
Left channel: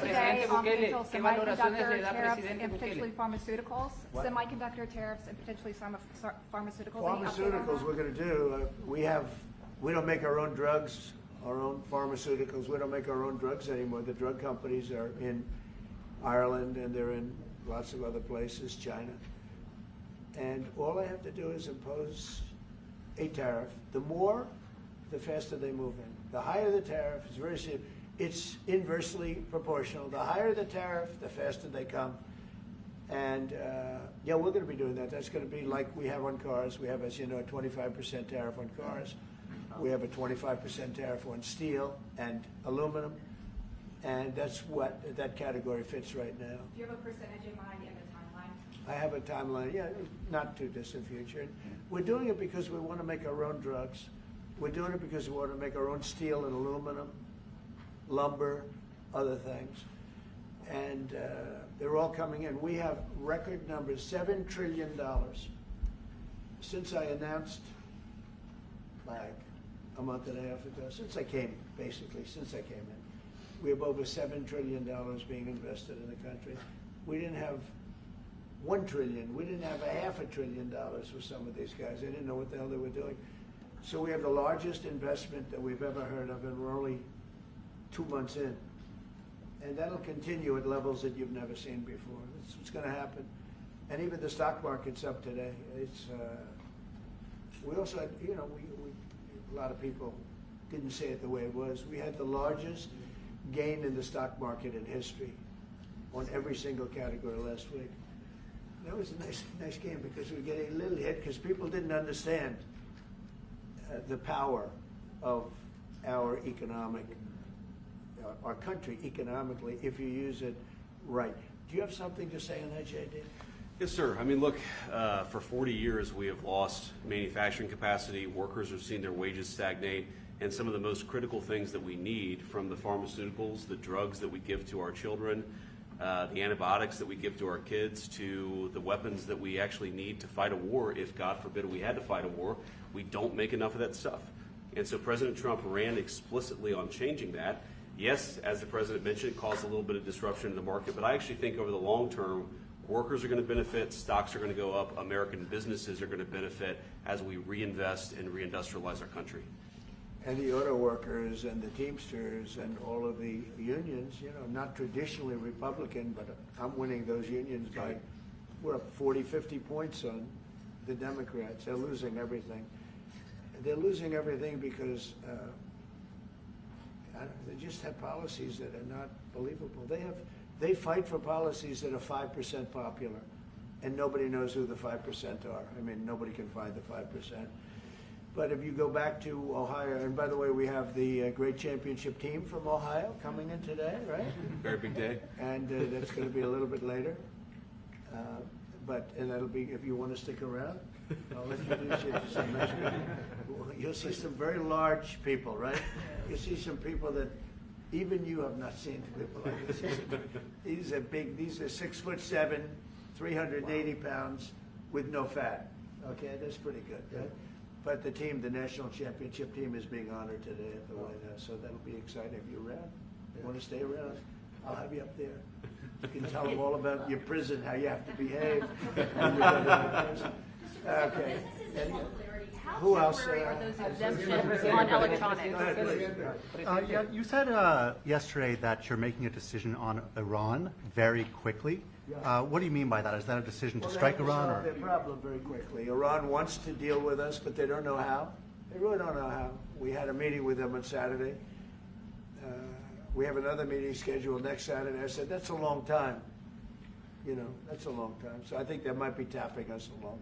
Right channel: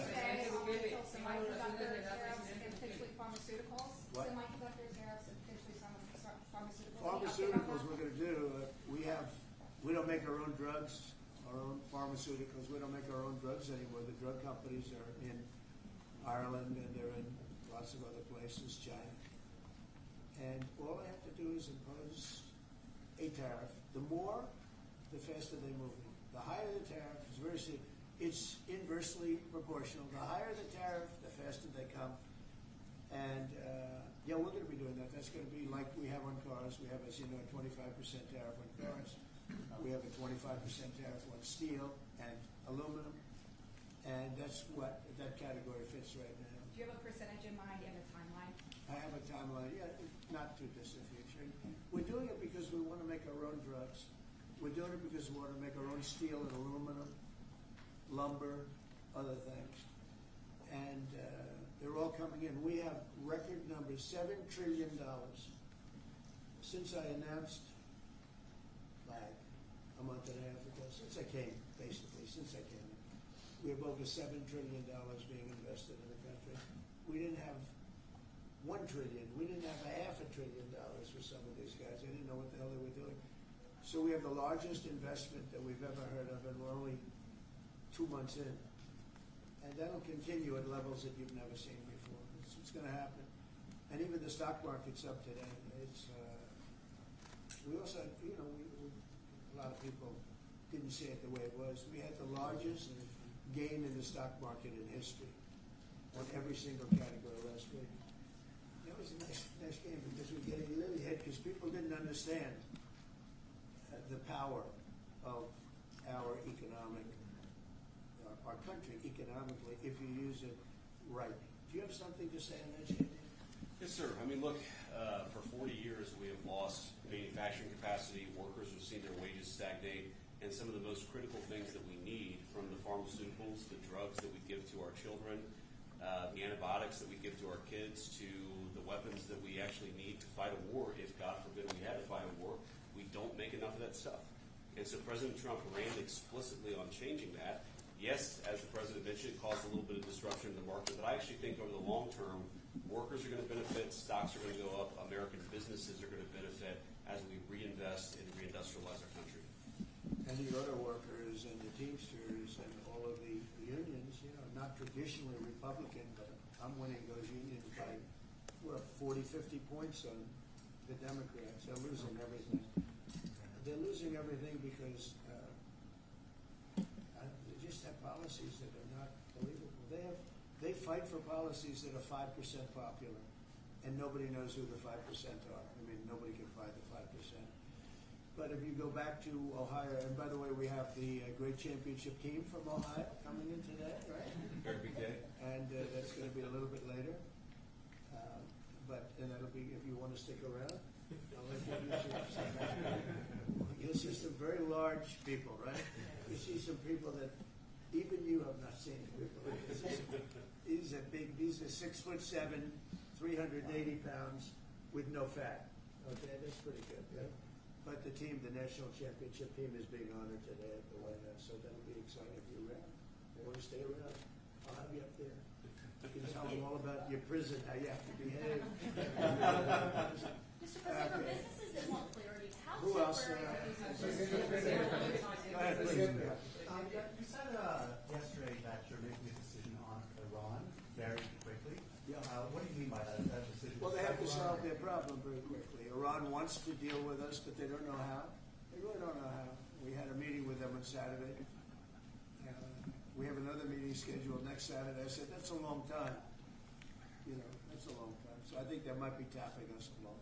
today on potential semiconductor tariffs and potentially pharmaceuticals. What? Semiconductor tariffs and potentially pharmaceuticals. Any update on Pharmaceuticals, that? we're going to do. We don't make our own drugs, our own pharmaceuticals. We don't make our own drugs anymore. The drug companies are in Ireland and they're in lots of other places, China. And all I have to do is impose a tariff. The more, the faster they move in. The higher the tariff, it's very simple. It's inversely proportional. The higher the tariff, the faster they come. And yeah, we're going to be doing that. That's going to be like we have on cars. We have, as you know, a 25% tariff on cars. We have a 25% tariff on steel and aluminum. And that's what that category fits right now. Do you have a percentage in mind and a timeline? I have a timeline, yeah, not too distant future. And we're doing it because we want to make our own drugs. We're doing it because we want to make our own steel and aluminum, lumber, other things. And they're all coming in. We have record numbers, $7 trillion. Since I announced, like a month and a half ago, since I came in, we have over $7 trillion being invested in the country. We didn't have $1 trillion. We didn't have $500 billion for some of these guys. They didn't know what the hell they were doing. So we have the largest investment that we've ever heard of, and we're only 2 months in. And that'll continue at levels that you've never seen before. It's what's going to happen. And even the stock market's up today. We also had, you know, a lot of people didn't say it the way it was. We had the largest gain in the stock market in history on every single category last week. That was a nice game because we get a little hit because people didn't understand the power of our country economically if you use it right. Do you have something to say on that, JD? Yes, sir. I mean, look, for 40 years we have lost manufacturing capacity. Workers have seen their wages stagnate. And some of the most critical things that we need, from the pharmaceuticals, the drugs that we give to our children, the antibiotics that we give to our kids, to the weapons that we actually need to fight a war, if God forbid we had to fight a war, we don't make enough of that stuff. And so President Trump ran explicitly on changing that. Yes, as the President mentioned, it caused a little bit of disruption in the market, but I actually think over the long term, workers are going to benefit, stocks are going to go up, American businesses are going to benefit as we reinvest and reindustrialize our country. And the auto workers and the Teamsters and all of the unions, you know, not traditionally Republican, but I'm winning those unions by, we're up 40, 50 points on the Democrats. They're losing everything. They're losing everything because they just have policies that are not believable. They fight for policies that are 5% popular, and nobody knows who the 5% are. I mean, nobody can find the 5%. But if you go back to Ohio, and by the way, we have the great championship team from Ohio coming in today, right? Very big day. And that's going to be a little bit later. And that'll be, if you want to stick around, I'll introduce you to some nice people. You'll see some very large people, right? You'll see some people that even you have not seen people like this. These are big, these are 6'7", 380 pounds with no fat. Okay, that's pretty good, right? But the team, the national championship team, is being honored today at the White House, so that'll be exciting. Have you around? You want to stay around? I'll have you up there. You can tell them all about your prison, how you have to behave. Okay. Who else? Exemptions on electronics. Go ahead, please. Yeah, you said yesterday that you're making a decision on Iran very quickly. What do you mean by that? Is that a decision to strike Iran? They have to solve Or? their problem very quickly. Iran wants to deal with us, but they don't know how. They really don't know how. We had a meeting with them on Saturday. We have another meeting scheduled next Saturday. I said, that's a long time. You know, that's a long time. So I think they might be tapping us along.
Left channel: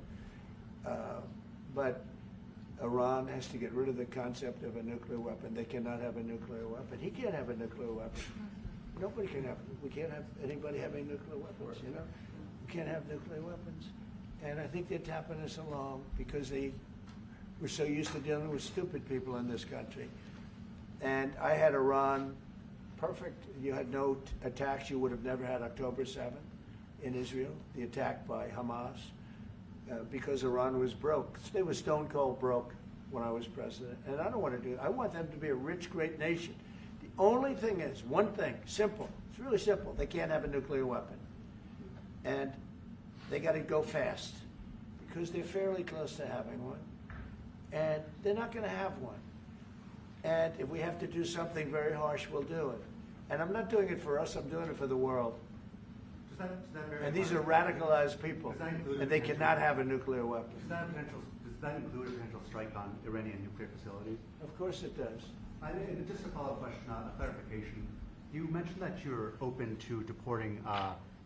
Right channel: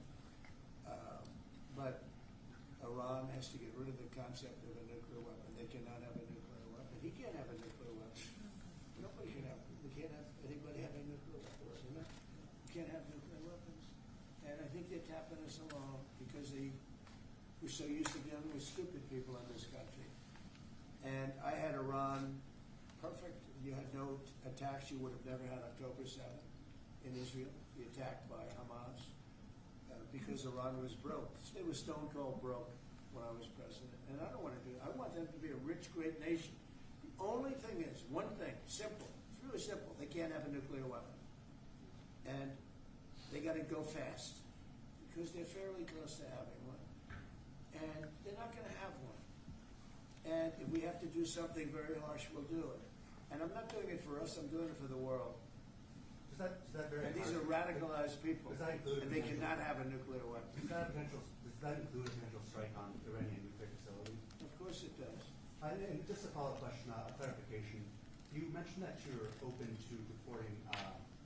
But Iran has to get rid of the concept of a nuclear weapon. They cannot have a nuclear weapon. He can't have a nuclear weapon. Nobody can have. We can't have anybody having nuclear weapons. You know, we can't have nuclear weapons. And I think they're tapping us along because we're so used to dealing with stupid people in this country. And I had Iran perfect. You had no attacks. You would have never had October 7th in Israel, the attack by Hamas, because Iran was broke. They were stone cold broke when I was president. And I don't want to do it. I want them to be a rich, great nation. The only thing is, one thing, simple. It's really simple. They can't have a nuclear weapon. And they got to go fast because they're fairly close to having one. And they're not going to have one. And if we have to do something very harsh, we'll do it. And I'm not doing it for us. I'm doing it for the world. And these are radicalized people, and they cannot have a nuclear weapon. Does that include a potential strike on Iranian nuclear facilities? Of course it does. And just a follow-up question, a clarification. You mentioned that you're open to deporting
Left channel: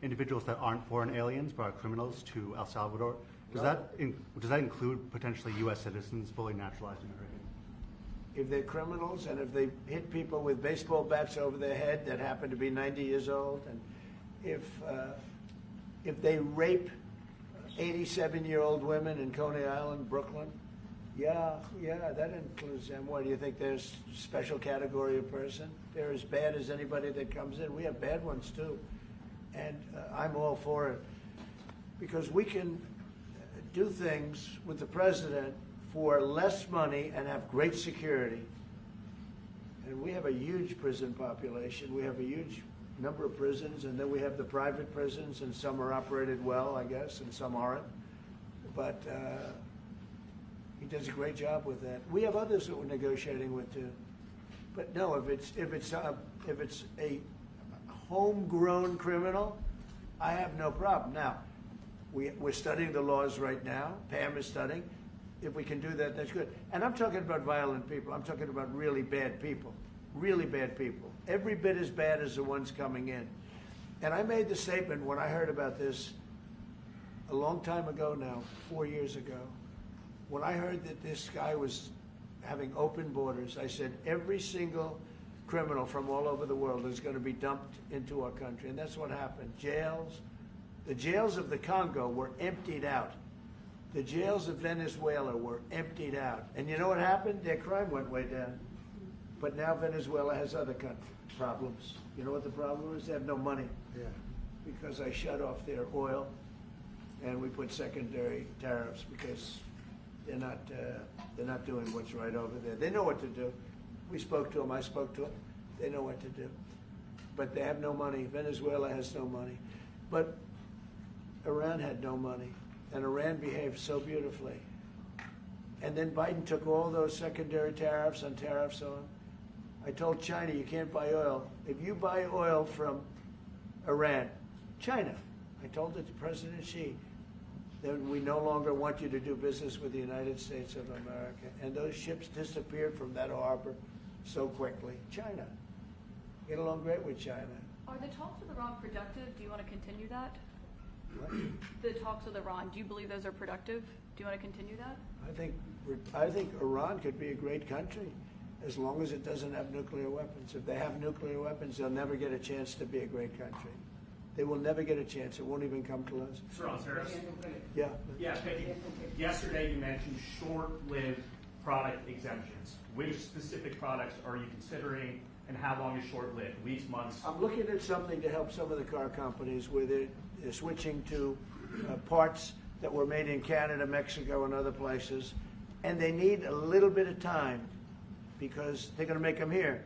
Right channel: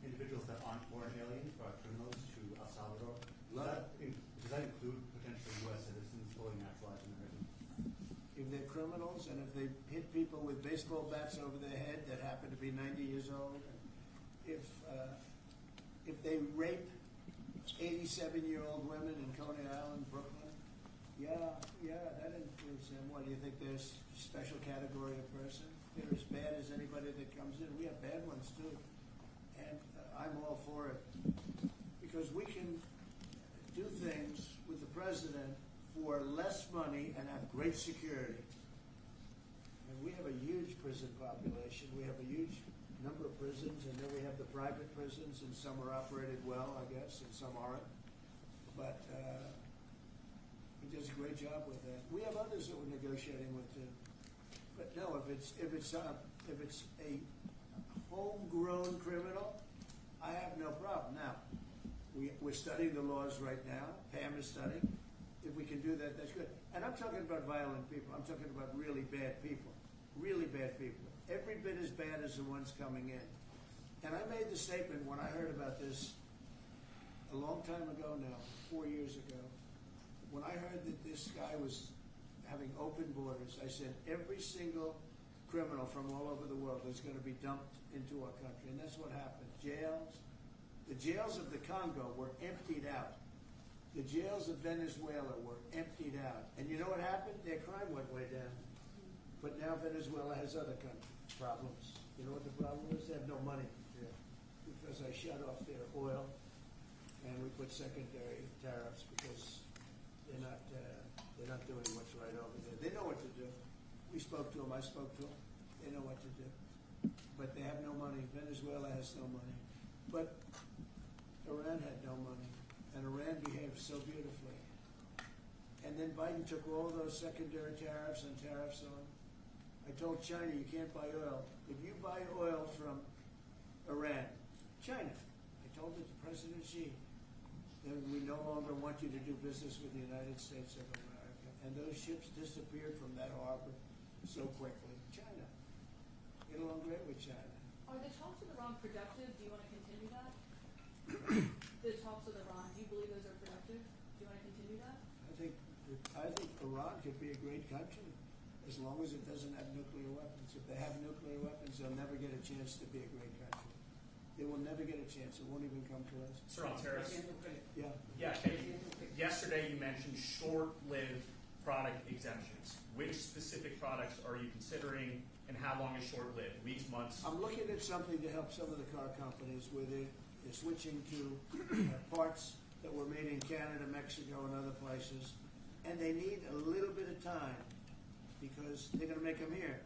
individuals that aren't foreign aliens but are criminals to El Salvador. Does that include potentially U.S. citizens, fully naturalized American? If they're criminals and if they hit people with baseball bats over their head that happen to be 90 years old, and if they rape 87-year-old women in Coney Island, Brooklyn, yeah, that includes them. What do you think? There's a special category of person? They're as bad as anybody that comes in. We have bad ones too, and I'm all for it because we can do things with the president for less money and have great security. And we have a huge prison population. We have a huge number of prisons, and then we have the private prisons, and some are operated well, I guess, and some aren't. But he does a great job with that. We have others that we're negotiating with too. But no, if it's a homegrown criminal, I have no problem. Now, we're studying the laws right now. Pam is studying. If we can do that, that's good. And I'm talking about violent people. I'm talking about really bad people. Really bad people. Every bit as bad as the ones coming in. And I made the statement when I heard about this a long time ago now, 4 years ago. When I heard that this guy was having open borders, I said every single criminal from all over the world is going to be dumped into our country. And that's what happened. The jails of the Congo were emptied out. The jails of Venezuela were emptied out. And you know what happened? Their crime went way down. But now Venezuela has other problems. You know what the problem is? They have no money. Yeah. Because I shut off their oil, and we put secondary tariffs because they're not doing what's right over there. They know what to do. We spoke to them. I spoke to them. They know what to do. But they have no money. Venezuela has no money. But Iran had no money. And Iran behaved so beautifully. And then Biden took all those secondary tariffs on. I told China, you can't buy oil. If you buy oil from Iran, China, I told it to President Xi, then we no longer want you to do business with the United States of America. And those ships disappeared from that harbor so quickly. China. Get along great with China. Are the talks with Iran productive? Do you want to continue that? The talks with Iran, do you believe those are productive? Do you want to continue that? I think Iran could be a great country as long as it doesn't have nuclear weapons. If they have nuclear weapons, they'll never get a chance to be a great country. They will never get a chance. It won't even come close. Sir, on tariffs? Yeah. Yeah, thank you. Yesterday you mentioned short-lived product exemptions. Which specific products are you considering, and how long is short-lived? Weeks, months? I'm looking at something to help some of the car companies where they're switching to parts that were made in Canada, Mexico, and other places, And they need a little bit of time because they're going to make them here.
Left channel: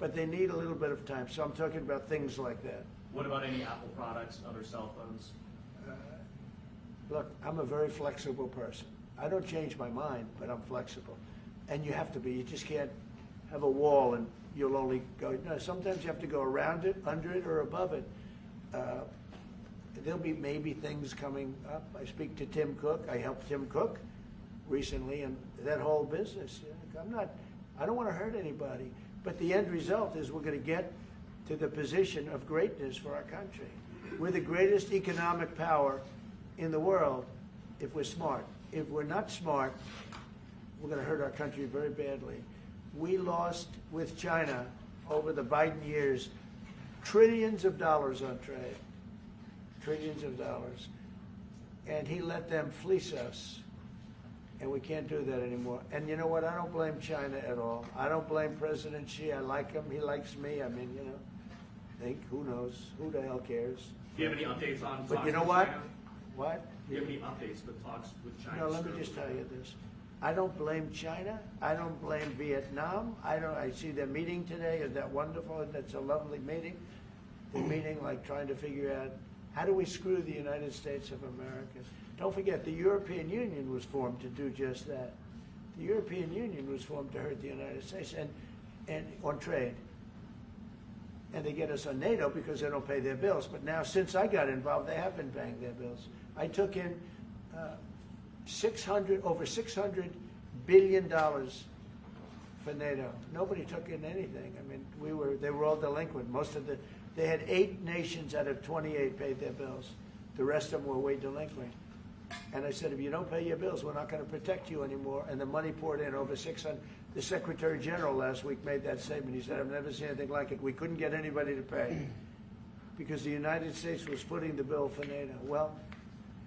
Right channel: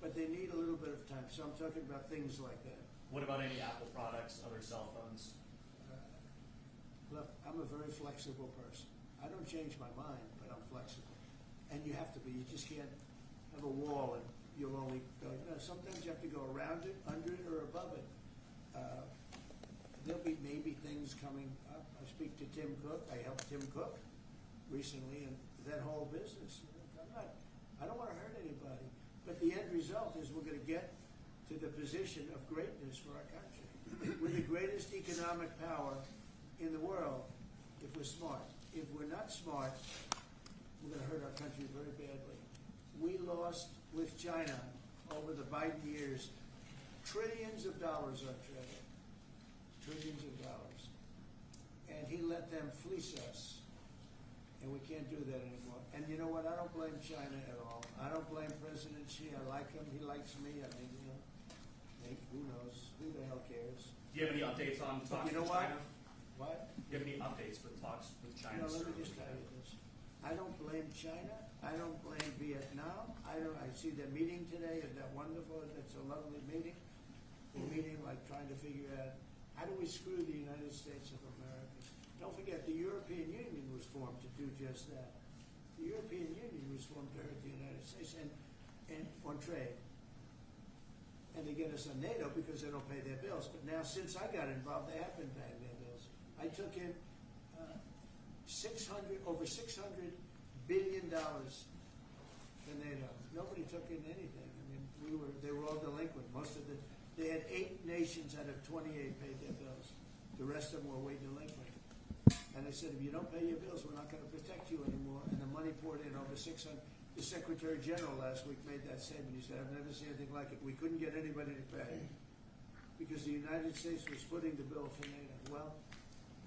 But they need a little bit of time. So I'm talking about things like that. What about any Apple products, other cell phones? Look, I'm a very flexible person. I don't change my mind, but I'm flexible. And you have to be. You just can't have a wall and you'll only go. No, sometimes you have to go around it, under it, or above it. There'll be maybe things coming up. I speak to Tim Cook. I helped Tim Cook recently, and that whole business. I don't want to hurt anybody, but the end result is we're going to get to the position of greatness for our country. We're the greatest economic power in the world if we're smart. If we're not smart, we're going to hurt our country very badly. We lost with China over the Biden years trillions of dollars on trade. Trillions of dollars. And he let them fleece us. And we can't do that anymore. And you know what? I don't blame China at all. I don't blame President Xi. I like him. He likes me. I mean, who knows? Who the hell cares? Do you have any updates on talks But you know with what? China? What? Do you have any updates with talks with China? No, let me just tell you this. I don't blame China. I don't blame Vietnam. I see their meeting today. Is that wonderful? That's a lovely meeting. They're meeting, like trying to figure out how do we screw the United States of America. Don't forget, the European Union was formed to do just that. The European Union was formed to hurt the United States and on trade. And they get us on NATO because they don't pay their bills. But now, since I got involved, they have been paying their bills. I took in over $600 billion for NATO. Nobody took in anything. I mean, they were all delinquent. They had 8 nations out of 28 paid their bills. The rest of them were way delinquent. And I said, if you don't pay your bills, we're not going to protect you anymore. And the money poured in over 600. The Secretary General last week made that statement. He said, I've never seen anything like it. We couldn't get anybody to pay because the United States was footing the bill for NATO. Well,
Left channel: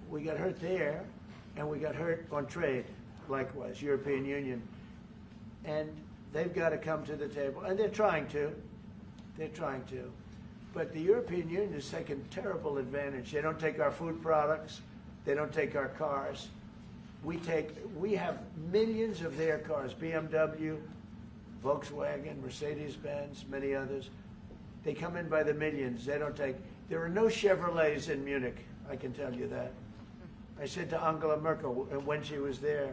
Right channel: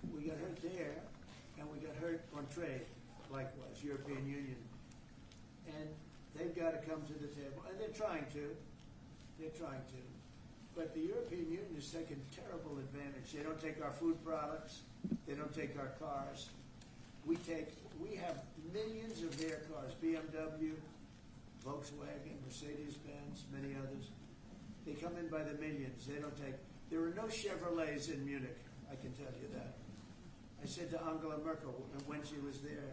we got hurt there, and we got hurt on trade, likewise, European Union. And they've got to come to the table, and they're trying to. They're trying to. But the European Union has taken terrible advantage. They don't take our food products. They don't take our cars. We have millions of their cars, BMW, Volkswagen, Mercedes-Benz, many others. They come in by the millions. They don't take, there are no Chevrolets in Munich, I can tell you that. I said to Angela Merkel when she was there,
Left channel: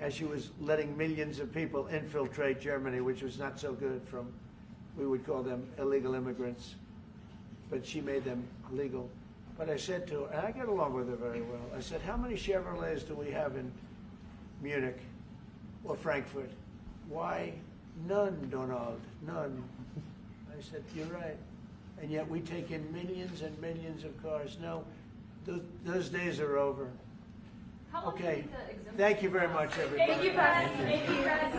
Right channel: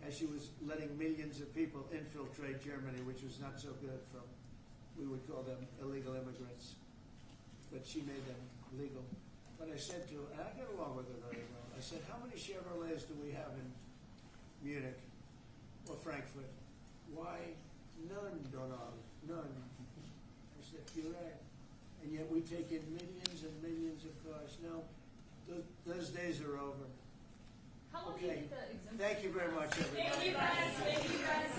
as she was letting millions of people infiltrate Germany, which was not so good from, we would call them illegal immigrants, but she made them legal. But I said to her, and I get along with her very well, I said, how many Chevrolets do we have in Munich or Frankfurt? Why, none, Donald, none. I said, you're right. And yet we take in millions and millions of cars. No, those days are over. Okay, thank you very much, everybody. Thank you, guys. Thank you, guys.